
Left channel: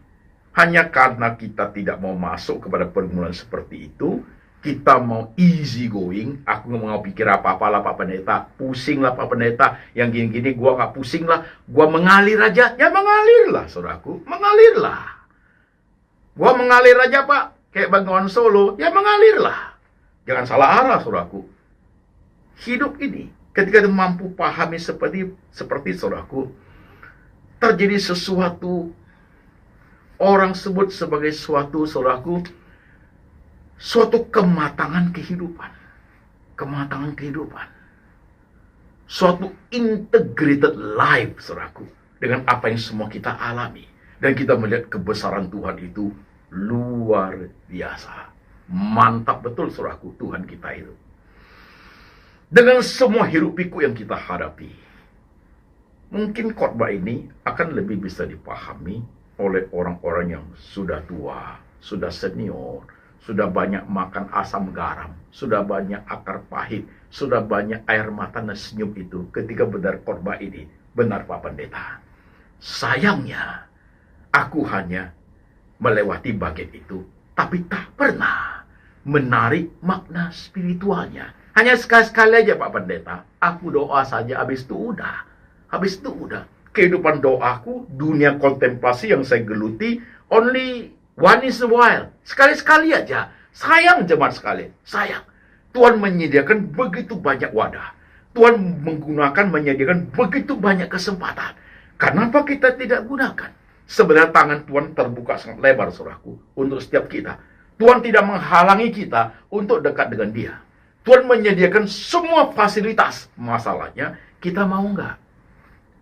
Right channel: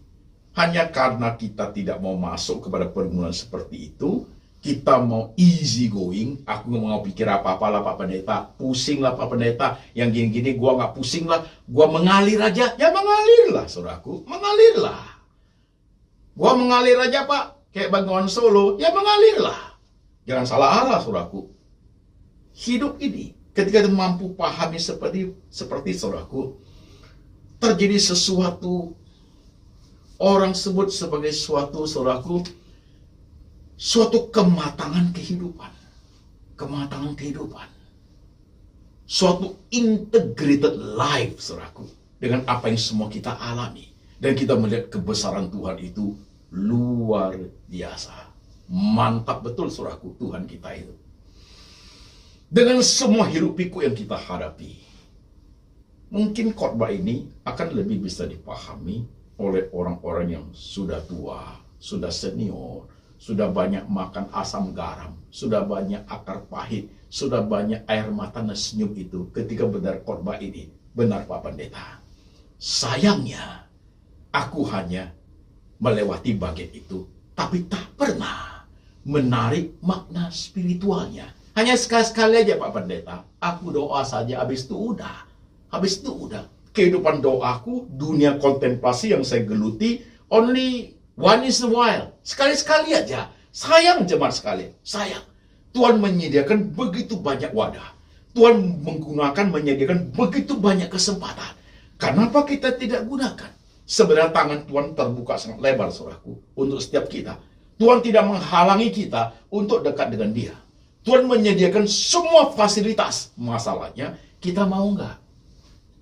Hanya karena kita tidak mau masuk kepada pergumulan seperti itu, kita mau easy going. Aku nggak mau pikir apa-apa lah Pak Pendeta. Pusing lah Pak Pendeta. Yang gini-gini gua nggak pusing lah. Gua mengalir aja. Ya mengalir lah, saudaraku. Mengalir lah. Gua mengalir aja Pak. Kayak Bengawan Solo. Ya mengalir lah. Jangan salah arah, saudaraku. Hidup ini, ketika kita mampu pahami seperti saudaraku, terjadi sesuatu, orang sebut sebagai suatu, saudaraku, suatu kematangan kehidupan. Kematangan kehidupan. Suatu integrated life, saudaraku. Dengan apa yang semua kita alami. Dan kita melihat kebesaran Tuhan itu luar biasa. Mantap betul, saudaraku, Tuhan kita itu. Dengan semua hiruk pikuk yang kita hadapi. Mungkin khotbah ini akan lebih bisa dipahami oleh orang-orang yang sudah tua, sudah senior, sudah banyak makan asam garam, sudah banyak akar pahit, sudah banyak air mata dan senyum itu ketika benar khotbah ini. Benar Pak Pendeta. Sayangnya, aku hanya melewati bagian itu, tapi tak pernah menarik makna spiritualnya. Hanya sekali-sekali aja Pak Pendeta, aku doa saja, habis itu udah. Habis itu udah. Kehidupan doaku, dunia kontemplasi yang saya geluti, only one in a while. Sekali-sekali aja. Sayang jemaat sekali. Sayang. Tuhan menyediakan begitu banyak wadah. Tuhan menyediakan begitu banyak kesempatan. Kenapa kita tidak gunakan? Sebenarnya tangan Tuhan terbuka sangat lebar, saudaraku, untuk setiap kita. Tuhan tidak menghalangi kita untuk dekat dengan Dia. Tuhan menyediakan semua fasilitas. Masalahnya, kita mau nggak?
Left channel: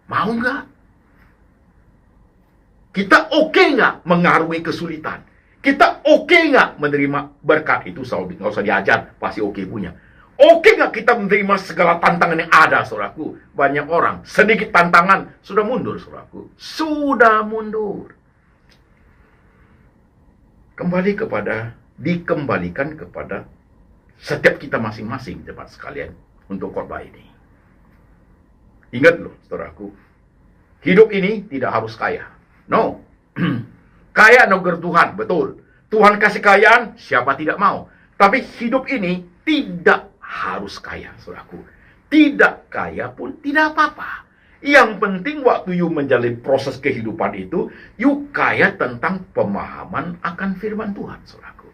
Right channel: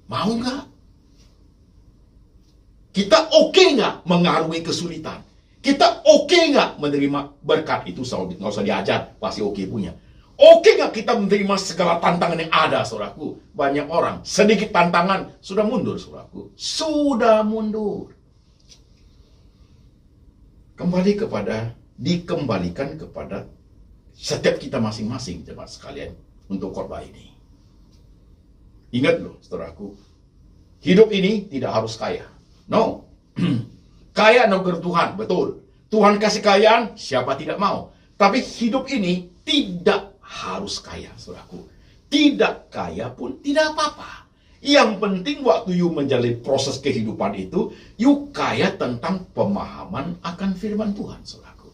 Mau nggak? Kita oke nggak mengarungi kesulitan? Kita oke nggak menerima berkat? Itu nggak usah diajar, pasti oke punya. Oke nggak kita menerima segala tantangan yang ada, saudaraku? Banyak orang, sedikit tantangan, sudah mundur, saudaraku. Sudah mundur. Dikembalikan kepada setiap kita masing-masing, jemaat sekalian, untuk khotbah ini. Ingat loh, saudaraku, hidup ini tidak harus kaya. No. Kaya anugerah Tuhan, betul. Tuhan kasih kekayaan, siapa tidak mau. Tapi hidup ini tidak harus kaya, saudaraku. Tidak kaya pun tidak apa-apa. Yang penting waktu you menjalani proses kehidupan itu, you kaya tentang pemahaman akan firman Tuhan, saudaraku.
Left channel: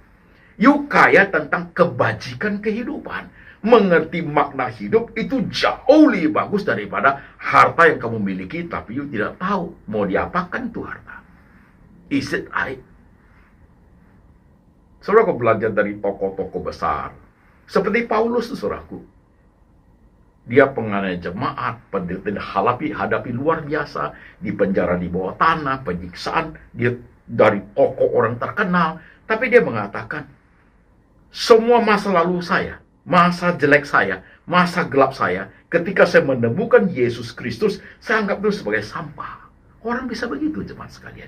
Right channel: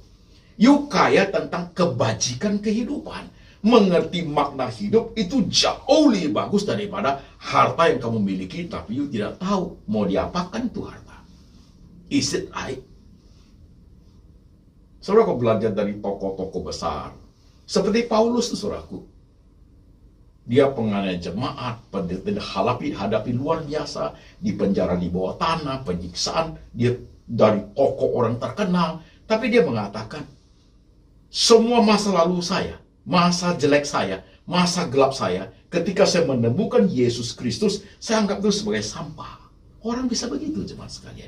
You kaya tentang kebajikan kehidupan. Mengerti makna hidup itu jauh lebih bagus daripada harta yang kamu miliki, tapi you tidak tahu mau diapakan itu harta. Is it right? Saudara, kau belajar dari tokoh-tokoh besar. Seperti Paulus, saudaraku. Dia penganiayaan jemaat, penderitaan hadapi luar biasa, di penjara di bawah tanah, penyiksaan, dia dari tokoh orang terkenal. Tapi dia mengatakan, semua masa lalu saya, masa jelek saya, masa gelap saya, ketika saya menemukan Yesus Kristus, saya anggap itu sebagai sampah. Orang bisa begitu, jemaat sekalian.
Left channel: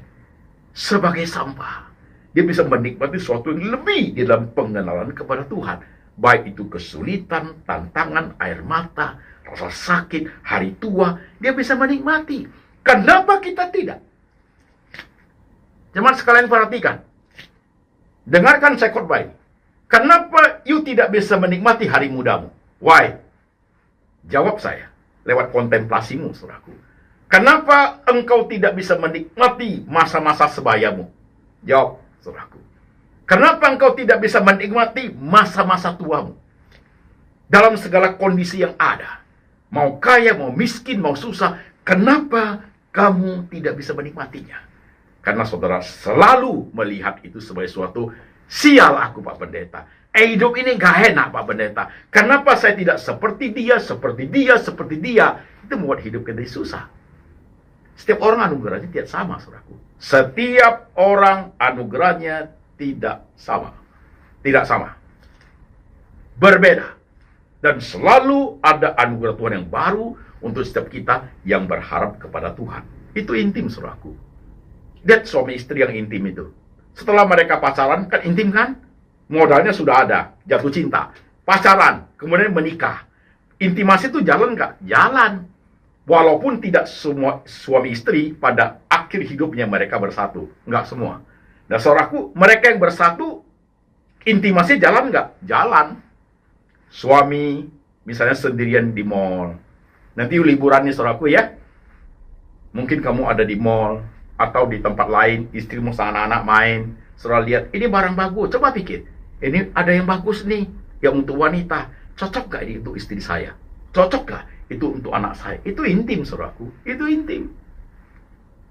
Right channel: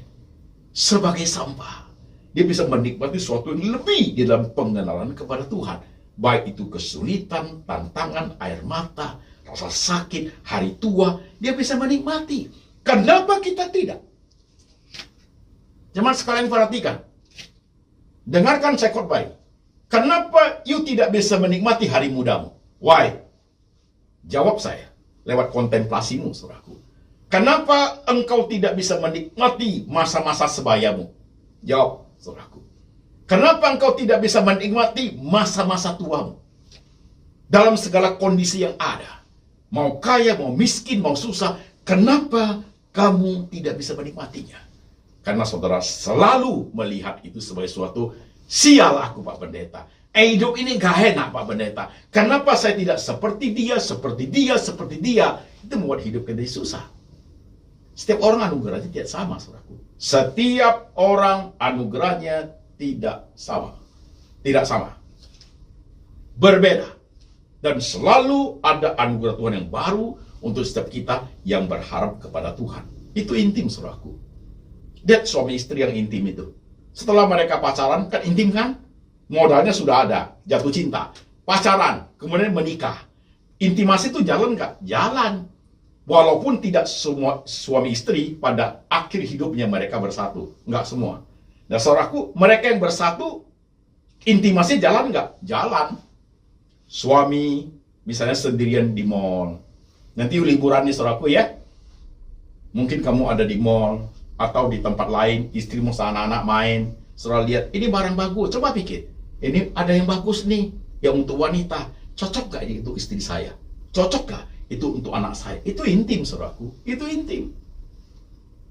Sebagai sampah. Dia bisa menikmati sesuatu yang lebih di dalam pengenalan kepada Tuhan. Baik itu kesulitan, tantangan, air mata, rasa sakit, hari tua, dia bisa menikmati. Kenapa kita tidak? Jemaat sekalian perhatikan. Dengarkan saya khotbah ini. Kenapa you tidak bisa menikmati hari mudamu? Why? Jawab saya lewat kontemplasimu, saudaraku. Kenapa engkau tidak bisa menikmati masa-masa sebayamu? Jawab, saudaraku. Kenapa engkau tidak bisa menikmati masa-masa tuamu? Dalam segala kondisi yang ada. Mau kaya, mau miskin, mau susah. Kenapa kamu tidak bisa menikmatinya? Karena saudara selalu melihat itu sebagai suatu sial aku, Pak Pendeta. Hidup ini gak enak, Pak Pendeta. Kenapa saya tidak seperti dia, seperti dia, seperti dia? Itu membuat hidup kita susah. Setiap orang anugerahnya tidak sama, saudaraku. Setiap orang anugerahnya tidak sama. Tidak sama. Berbeda. Dan selalu ada anugerah Tuhan yang baru untuk setiap kita yang berharap kepada Tuhan. Itu intim, saudaraku. Lihat suami istri yang intim itu. Setelah mereka pacaran, kan intim kan? Modalnya sudah ada, jatuh cinta. Pacaran, kemudian menikah. Intimasi itu jalan nggak? Jalan. Walaupun tidak semua suami istri pada akhir hidupnya mereka bersatu. Nggak semua. Nah, saudaraku, mereka yang bersatu, intimasi jalan nggak? Jalan. Suami, misalnya sendirian di mall. Nanti liburan nih, saudaraku ya. Mungkin kamu ada di mall, atau di tempat lain, istrimu sama anak-anak main, saudara lihat, ini barang bagus, coba pikir, ini ada yang bagus nih, yang untuk wanita, cocok gak ini untuk istri saya? Cocok gak itu untuk anak saya? Itu intim, saudaraku, itu intim.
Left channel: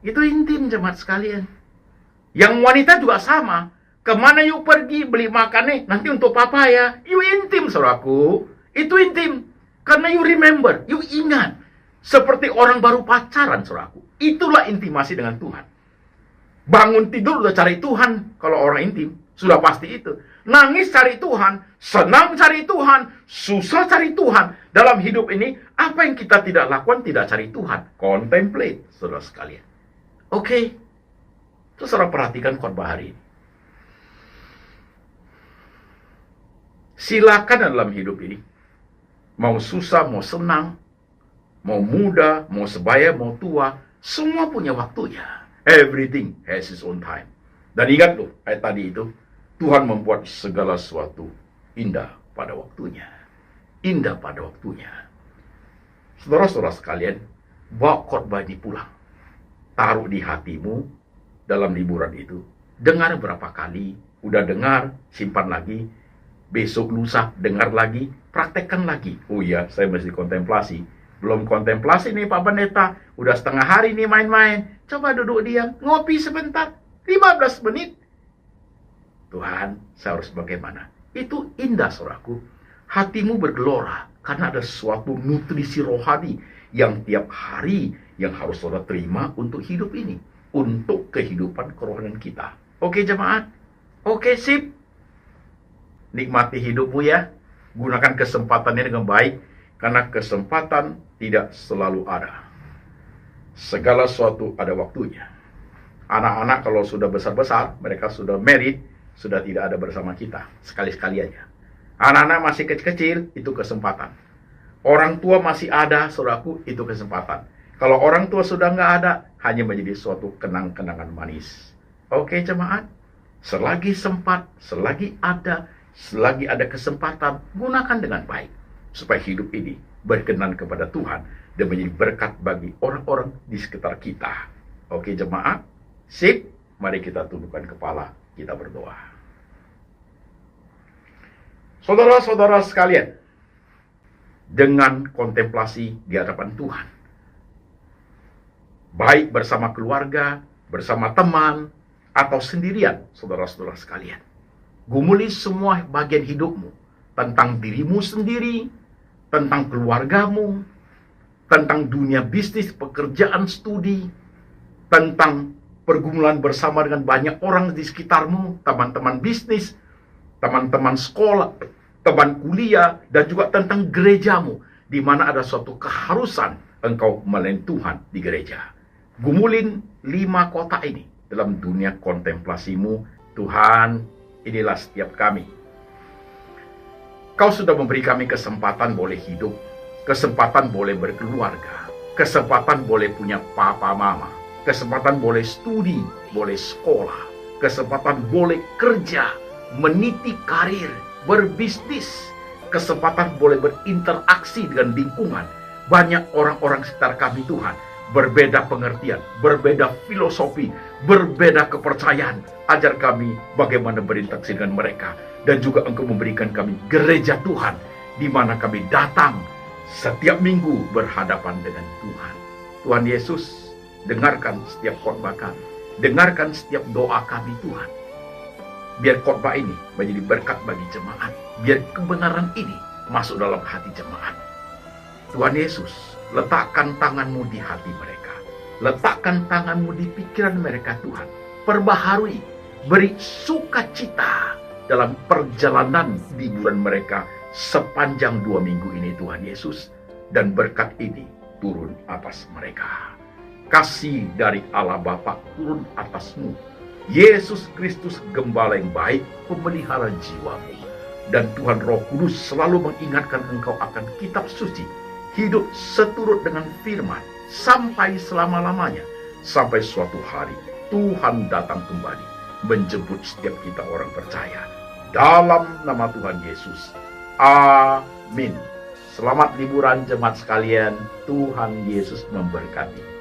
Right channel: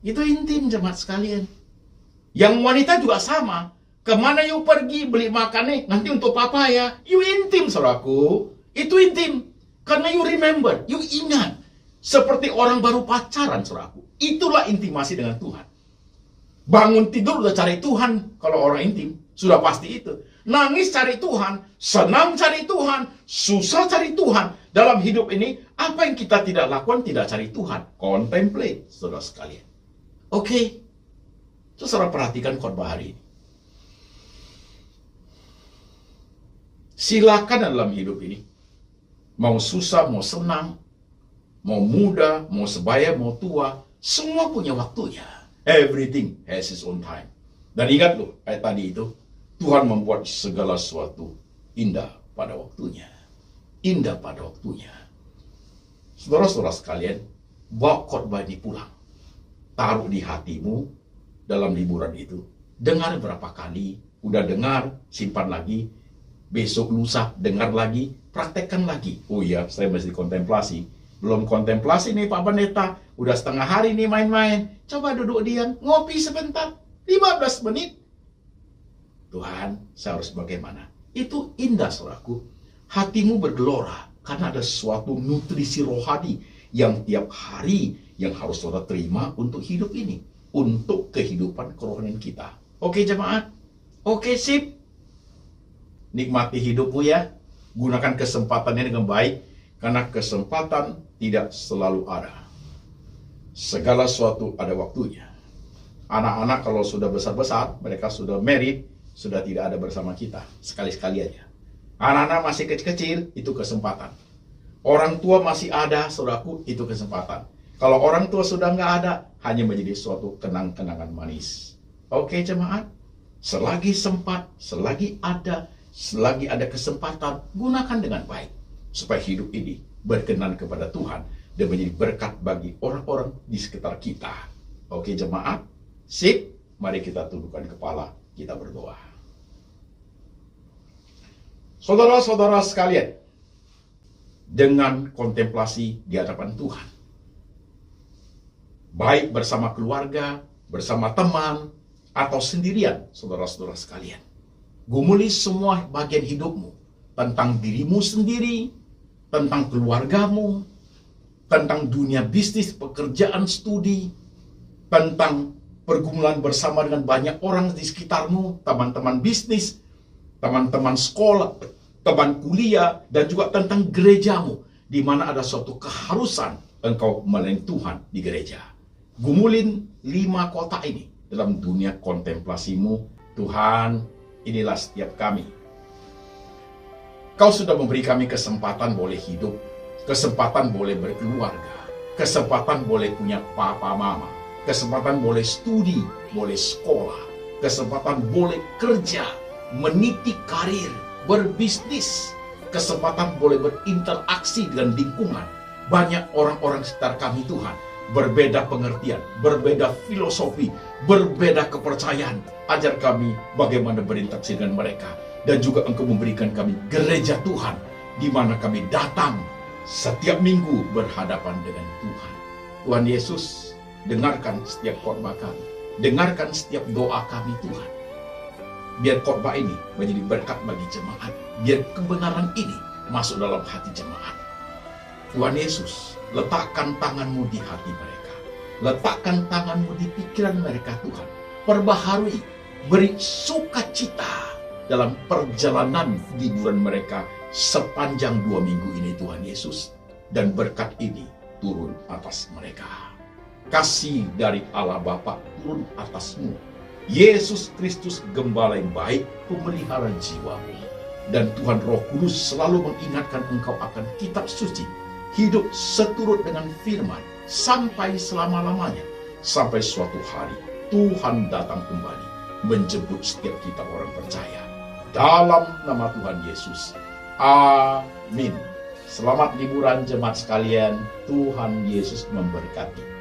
Itu intim, jemaat sekalian. Yang wanita juga sama, kemana yuk pergi, beli makan nih, nanti untuk papa ya, you intim, saudaraku, itu intim, karena you remember, you ingat, seperti orang baru pacaran, saudaraku. Itulah intimasi dengan Tuhan. Bangun tidur udah cari Tuhan. Kalau orang intim, sudah pasti itu. Nangis cari Tuhan, senang cari Tuhan, susah cari Tuhan. Dalam hidup ini, apa yang kita tidak lakukan tidak cari Tuhan. Contemplate, saudara sekalian. Oke. Terus saudara perhatikan khotbah hari ini. Silakan dalam hidup ini. Mau susah, mau senang, mau muda, mau sebaya, mau tua, semua punya waktunya. Everything has its own time. Dan ingat loh, ayat tadi itu, Tuhan membuat segala sesuatu indah pada waktunya. Indah pada waktunya. Saudara-saudara sekalian, bawa khotbah ini pulang. Taruh di hatimu dalam liburan itu. Dengar berapa kali, udah dengar, simpan lagi. Besok lusa, dengar lagi, praktekkan lagi. Oh iya, saya mesti kontemplasi. Belum kontemplasi nih Pak Pendeta, udah setengah hari nih main-main. Coba duduk diam, ngopi sebentar, 15 menit. Tuhan, saya harus bagaimana? Itu indah, saudaraku. Hatimu bergelora, karena ada suatu nutrisi rohani yang tiap hari yang harus saudara terima untuk hidup ini. Untuk kehidupan kerohanian kita. Oke jemaat? Oke sip? Nikmati hidupmu ya. Gunakan kesempatannya dengan baik. Karena kesempatan tidak selalu ada. Segala sesuatu ada waktunya. Anak-anak kalau sudah besar-besar, mereka sudah married, sudah tidak ada bersama kita. Sekali-sekali aja. Anak-anak masih kecil-kecil, itu kesempatan. Orang tua masih ada, saudaraku, itu kesempatan. Kalau orang tua sudah nggak ada, hanya menjadi suatu kenang-kenangan manis. Oke, jemaat? Selagi sempat, selagi ada kesempatan, gunakan dengan baik. Supaya hidup ini berkenan kepada Tuhan dan menjadi berkat bagi orang-orang di sekitar kita. Oke, jemaat? Sip, mari kita tundukkan kepala, kita berdoa. Saudara-saudara sekalian, dengan kontemplasi di hadapan Tuhan, baik bersama keluarga, bersama teman, atau sendirian, saudara-saudara sekalian, gumuli semua bagian hidupmu, tentang dirimu sendiri, tentang keluargamu, tentang dunia bisnis, pekerjaan, studi, tentang pergumulan bersama dengan banyak orang di sekitarmu, teman-teman bisnis, teman-teman sekolah, teman kuliah, dan juga tentang gerejamu, di mana ada suatu keharusan engkau melayani Tuhan di gereja. Gumulin 5 kota ini dalam dunia kontemplasimu. Tuhan, inilah setiap kami. Kau sudah memberi kami kesempatan boleh hidup, kesempatan boleh berkeluarga, kesempatan boleh punya papa mama, kesempatan boleh studi, boleh sekolah, kesempatan boleh kerja, meniti karir, berbisnis, kesempatan boleh berinteraksi dengan lingkungan. Banyak orang-orang sekitar kami, Tuhan, berbeda pengertian, berbeda filosofi, berbeda kepercayaan. Ajar kami bagaimana berinteraksi dengan mereka. Dan juga Engkau memberikan kami gereja Tuhan, di mana kami datang setiap minggu berhadapan dengan Tuhan. Tuhan Yesus, dengarkan setiap khotbah kami, dengarkan setiap doa kami, Tuhan. Biar khotbah ini menjadi berkat bagi jemaat. Biar kebenaran ini masuk dalam hati jemaat. Tuhan Yesus, letakkan tangan-Mu di hati mereka. Letakkan tangan-Mu di pikiran mereka, Tuhan. Perbaharui, beri sukacita dalam perjalanan liburan mereka sepanjang 2 minggu ini, Tuhan Yesus. Dan berkat ini turun atas mereka. Kasih dari Allah Bapa turun atasmu. Yesus Kristus, Gembala yang baik, pemelihara jiwamu. Dan Tuhan Roh Kudus selalu mengingatkan engkau akan kitab suci. Hidup seturut dengan firman sampai selama-lamanya. Sampai suatu hari Tuhan datang kembali menjemput setiap kita orang percaya. Dalam nama Tuhan Yesus. Amin. Selamat liburan jemaat sekalian. Tuhan Yesus memberkati.